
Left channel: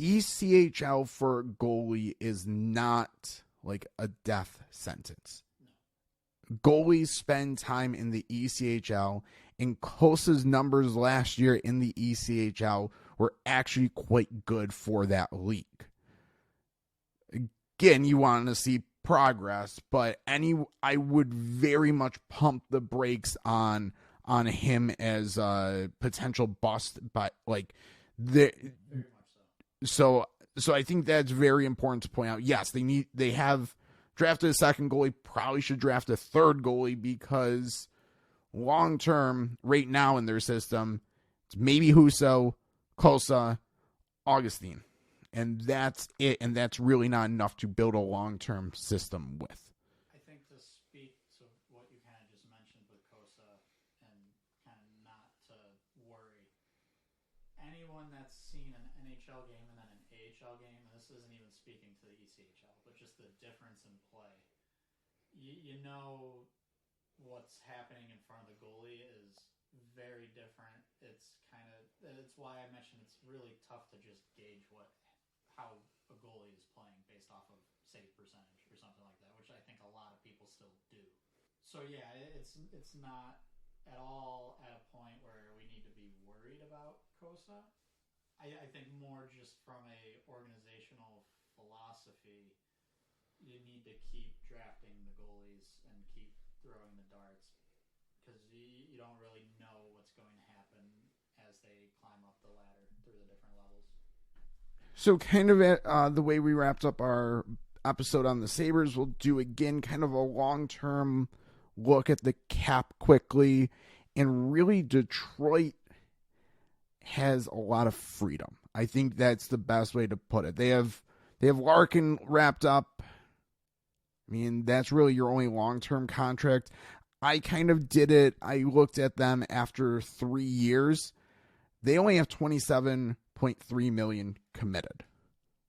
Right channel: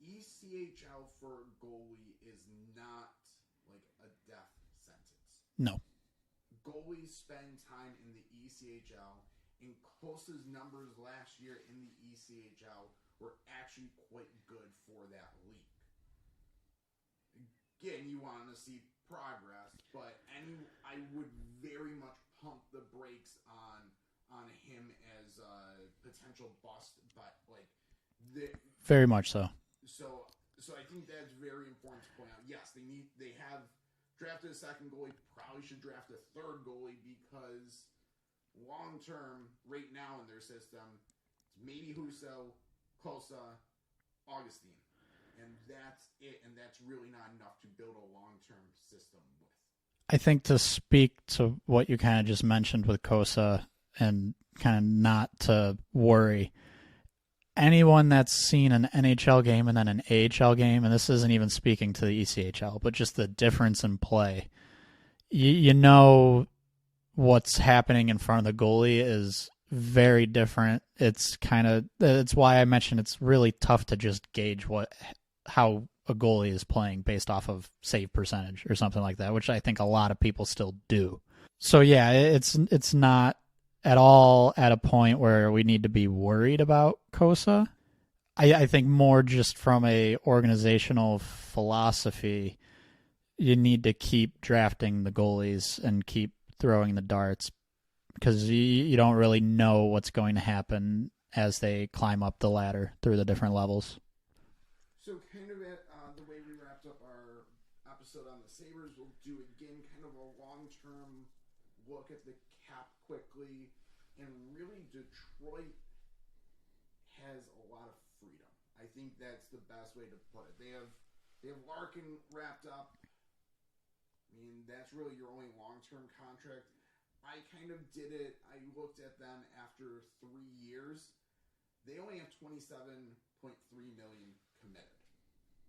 ECHL for a goalie is not like a death sentence. No. Goalies spend time in the ECHL, and Kosa's numbers last year in the ECHL were actually quite good for that league. Again, you want to see progress, but I would very much pump the brakes on him as a potential bust, but very much so. So I think that's very important to point out. Yes, they have drafted a second goalie, probably should draft a third goalie, because long term, right now in their system, it's maybe Husso, Kosa, Augustine. And that's it. And that's really not enough to build a long-term system with. I think to speak to what you kind of just mentioned with Kosa and kind of not to worry, anyone that's seen an NHL game and then an AHL game, and this isn't even speaking to the ECHL, but just the difference in play, you know what's happening in front of the goalie is very different. It's why I mentioned it's really tough to just gauge how a goalie is playing based off of save percentage or something like that, which I think a lot of people still do. So yeah, it's not at all at a point where we need to be worried about Kosa. I think more just from a organizational philosophy, you need to keep drafting the goalies and keep throwing the darts, because you don't really know what's going to happen as they climb up the ladder through the different levels. So kind of the way we wrapped up our episode on the Sabres, we'll do again kind of a long-term look at the cap quickly. And really, Detroit has a lot of freedom. I think that's the best way to put it. They have Larkin wrapped up. I mean, that's really your only long-term contract. I kind of did it. I looked at them after 3 years. They only have $27.3 million committed.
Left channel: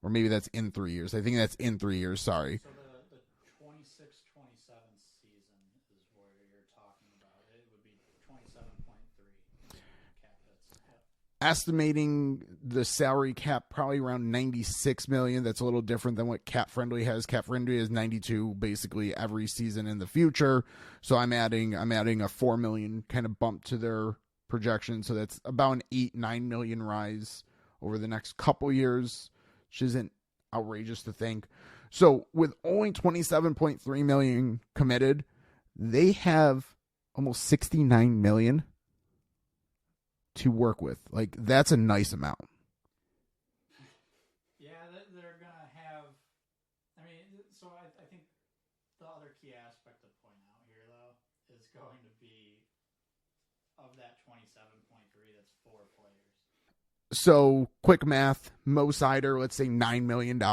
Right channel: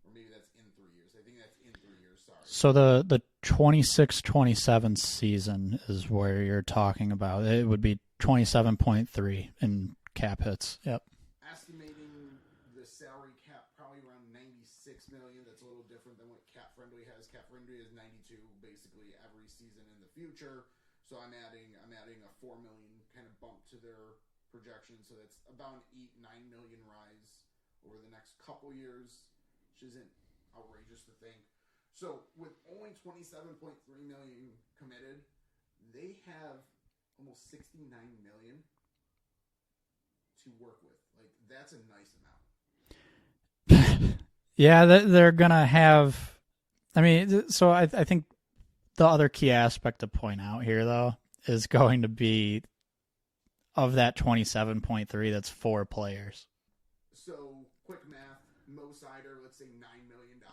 Or maybe that's in 3 years. I think that's in 3 years, sorry. So the 26-27 season is where you're talking about. It would be 27.3 in cap hits. Yep. Estimating the salary cap probably around $96 million. That's a little different than what Cap Friendly has. Cap Friendly is $92 basically every season in the future. So I'm adding a $4 million kind of bump to their projection. So that's about an $8-9 million rise over the next couple years, which isn't outrageous to think. So with only $27.3 million committed, they have almost $69 million to work with. Like, that's a nice amount. Yeah, they're gonna have. I mean, so I think the other key aspect to point out here, though, is going to be of that 27.3. That's 4 players. So quick math: Mo Sider, let's say $9 million,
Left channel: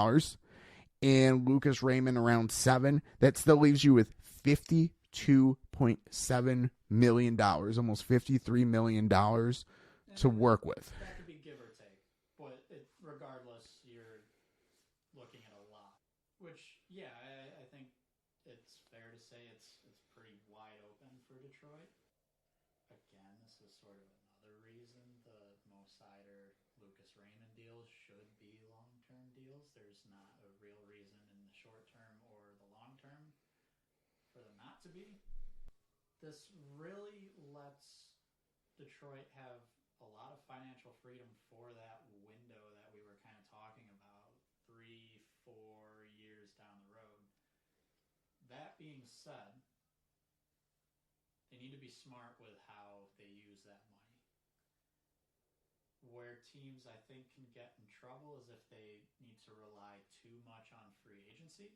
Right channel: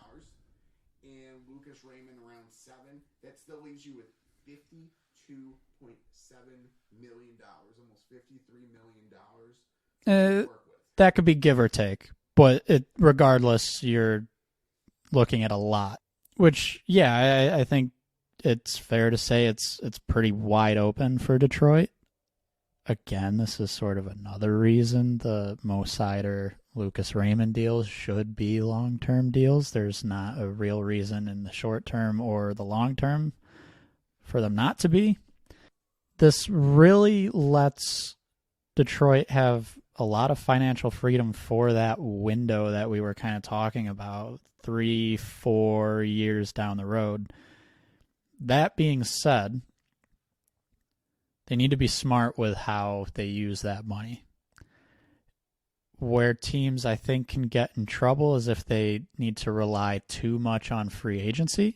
and Lucas Raymond around $7 million. That still leaves you with $52.7 million, almost $53 million to work with. That could be give or take, but regardless, you're looking at a lot. Which, yeah, I think it's fair to say it's pretty wide open for Detroit. Again, this is sort of another reason the Mo Sider, Lucas Raymond deals should be long-term deals. There's not a real reason in the short term or the long term for them not to be. This really lets Detroit have a lot of financial freedom for that window that we were kind of talking about 3-4 years down the road. That being said, they need to be smart with how they use that money. Where teams, I think, can get in trouble is if they need to rely too much on free agency.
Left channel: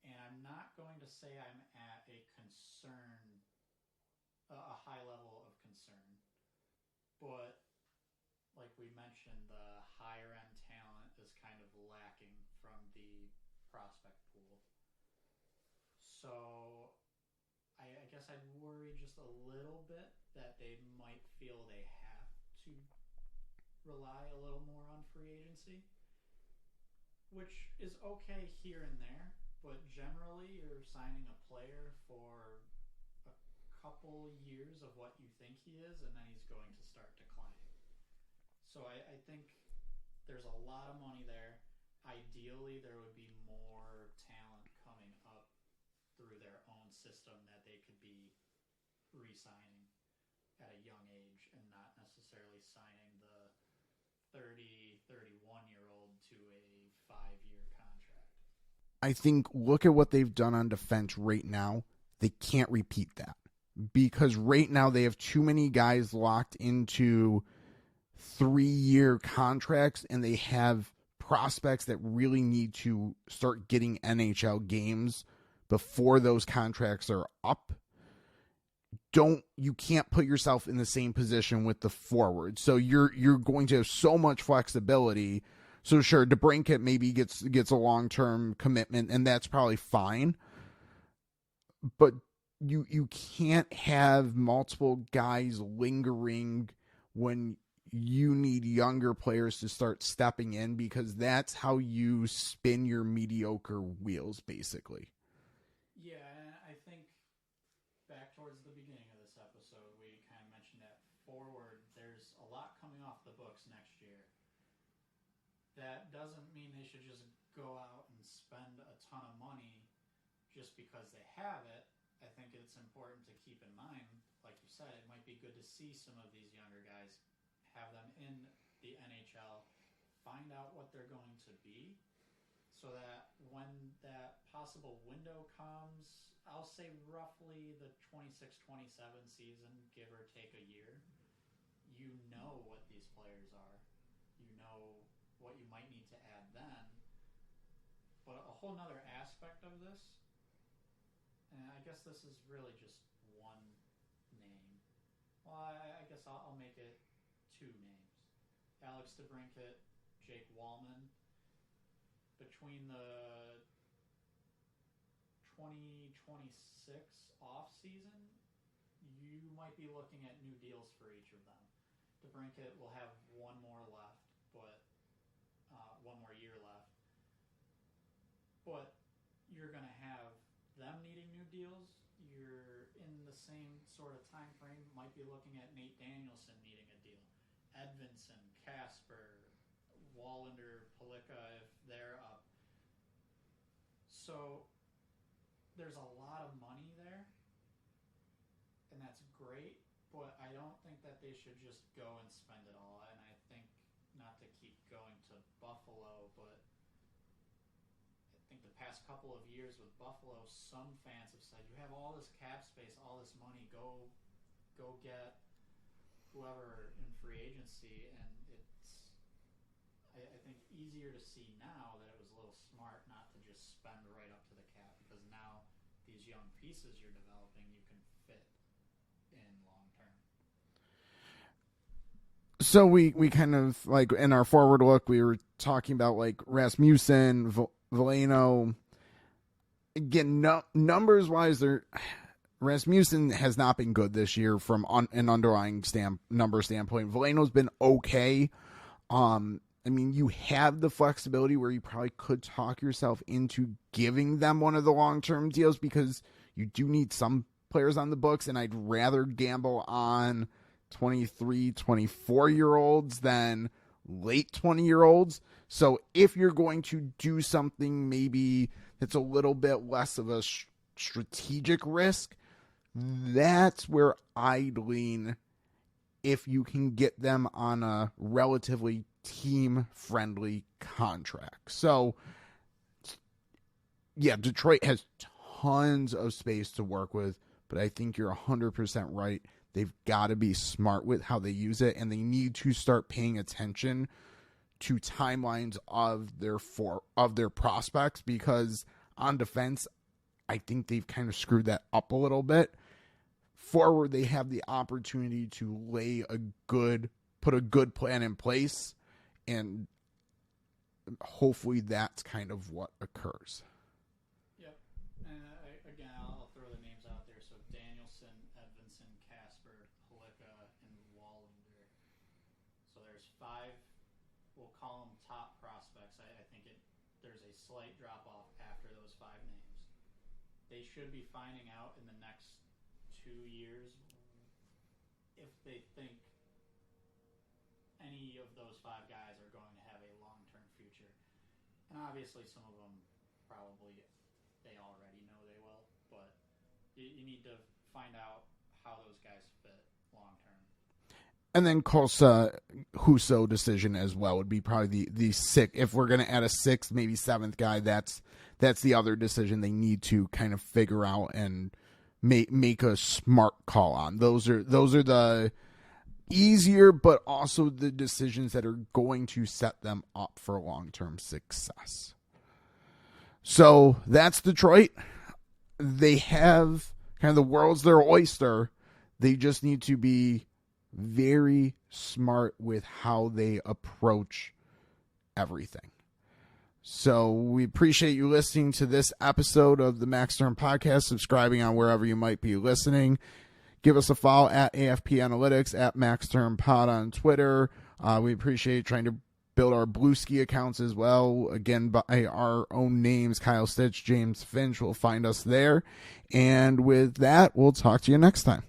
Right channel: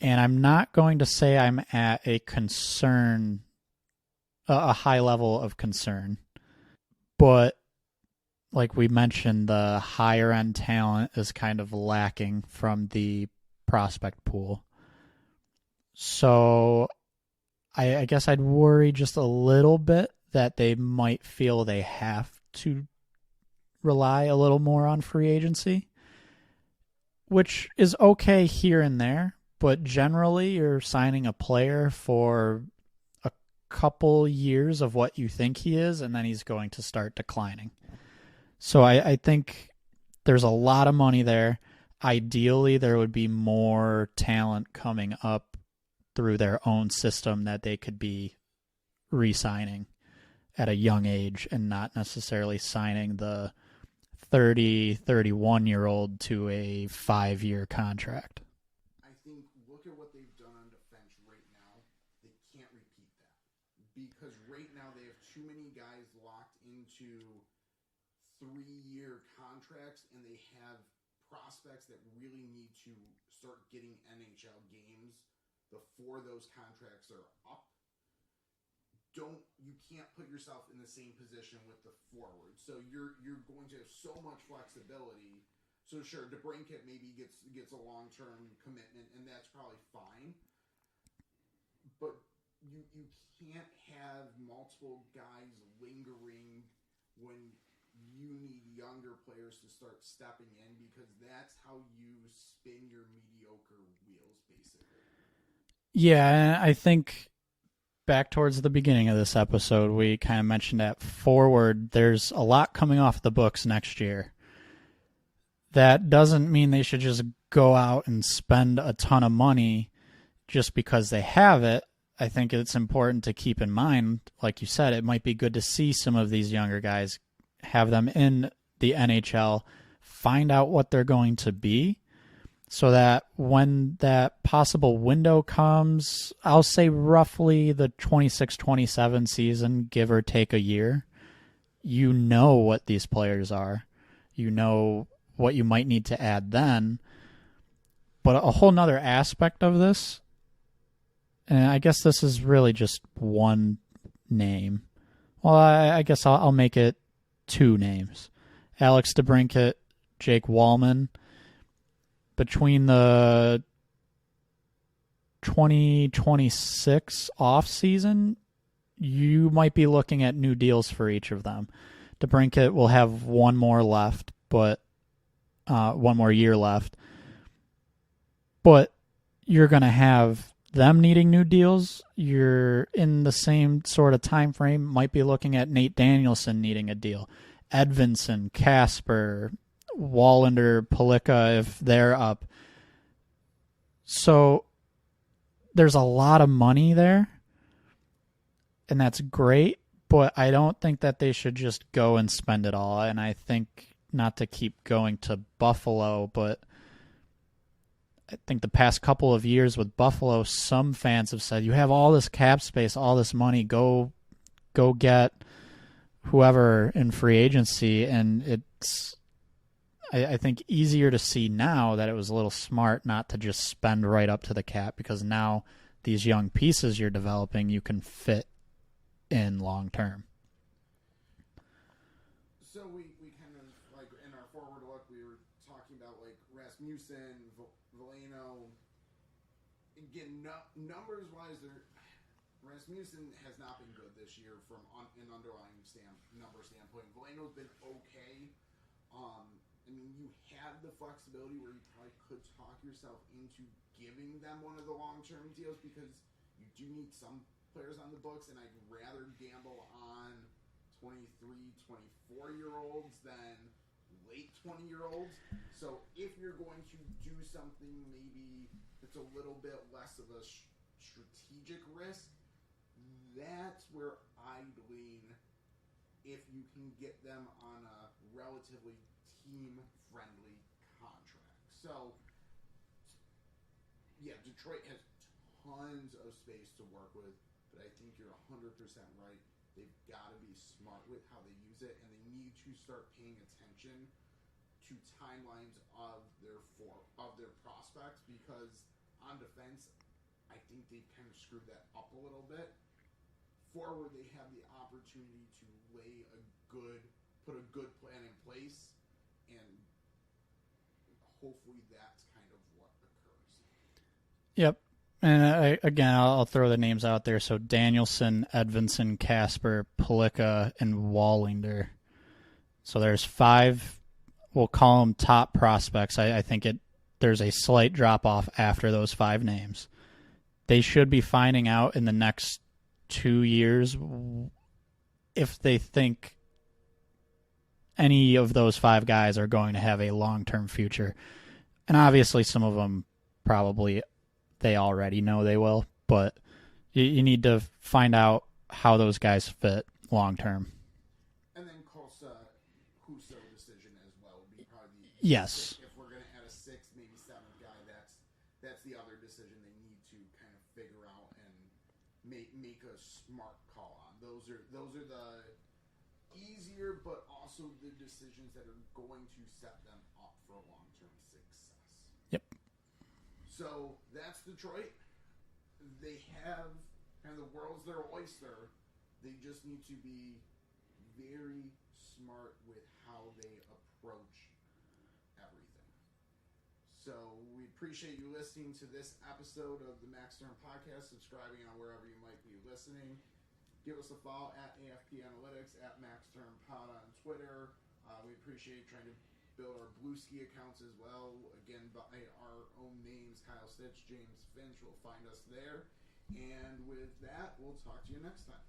And I'm not going to say I'm at a high level of concern. But like we mentioned, the higher end talent is kind of lacking from the prospect pool. So I guess I'd worry just a little bit that they might feel they have to rely a little more on free agency, which is okay here and there, but generally you're signing a player for a couple years of what you think he is, and then he's going to start declining. So I think there's a lot of money there. Ideally, there would be more talent coming up through their own system that they could be re-signing at a young age and not necessarily signing the 30, 31-year-old to a 5-year contract. I think look at what they've done on defense right now. They can't repeat that because right now they have too many guys locked into 3-year contracts, and they have prospects that really need to start getting NHL games before those contracts are up. You can't put yourself in the same position with the forward. So you're going to have so much flexibility. So sure, DeBrincat maybe gets a long-term commitment, and that's probably fine. But you can't have multiple guys lingering when you need younger players to start stepping in, because that's how you spin your mediocre wheels, basically. Yeah, I think back towards the beginning of this episode, we kind of mentioned that forward, there's a lot coming off the books next year. That doesn't mean they should just go out and spend a ton of money just because they have it. I think it's important to keep in mind, like you said, it might be good to see some of these younger guys, have them in the NHL, find out what they're going to be, so that when that possible window comes, I'll say roughly the 26-27 season, give or take a year, you know what these players are. You know what you might need to add then. But a whole nother aspect of this, and I guess this is really just one name. Well, I guess I'll make it 2 names. Alex DeBrincat, Jake Wallman. Between the 2026 offseason, you might be looking at new deals for each of them. DeBrincat will have one more left, but 1 more year left. But you're going to have them needing new deals. You're in the same sort of time frame. Might be looking at Nate Danielson needing a deal. Edvinson, Casper, Wallander, Palika, if they're up. So there's a lot of money there, and that's great, but I don't think that they should just go and spend it all. And I think, not to keep going to Buffalo, but I think the past couple of years with Buffalo, some fans have said, you have all this cap space, all this money, go get whoever in free agency. And it's, I think, easier to see now that it was a little smart not to just spend right up to the cap, because now these young pieces you're developing, you can fit in long term. So we kind of, like, in our forward look, we were talking about, like, Rasmussen, Veleno. Again, numbers-wise, Rasmussen has not been good this year from an underlying number standpoint. Veleno's been okay. I mean, you have the flexibility where you probably could talk yourself into giving them one of the long-term deals, because you do need some players on the books, and I'd rather gamble on 23, 24-year-olds than late 20-year-olds. So if you're going to do something maybe that's a little bit less of a strategic risk, that's where I'd lean if you can get them on a relatively team-friendly contract. So, yeah, Detroit has tons of space to work with, but I think you're 100% right. They've got to be smart with how they use it, and they need to start paying attention to timelines of their prospects, because on defense, I think they've kind of screwed that up a little bit. Forward, they have the opportunity to put a good plan in place, and hopefully that's kind of what occurs. Yep. And I'll throw the names out there. So Danielson, Edvinson, Casper, Pellicka, and Wallinger. So there's 5, we'll call them top prospects. I think there's a slight drop-off after those 5 names. They should be finding out in the next 2 years if they think any of those 5 guys are going to have a long-term future. And obviously some of them probably they already know they will, but you need to find out how those guys fit long-term. And then Kosa Huso decision as well would be probably the yes. 6th. If we're going to add a 6th, maybe 7th guy, that's the other decision they need to kind of figure out and make a smart call on. Those are the easier, but also the decisions that are going to set them up for long-term success. Yep. So that's Detroit. They have kind of the world's their oyster. They just need to be very smart with how they approach everything. So we appreciate you listening to this episode of the Max Term Podcast, subscribing on wherever you might be listening. Give us a follow at AFP Analytics, at Max Term Pod on Twitter. We appreciate trying to build our Bluesky accounts as well. Again, by our own names, Kyle Stitch, James Finch will find us there. And with that, we'll talk to you next time.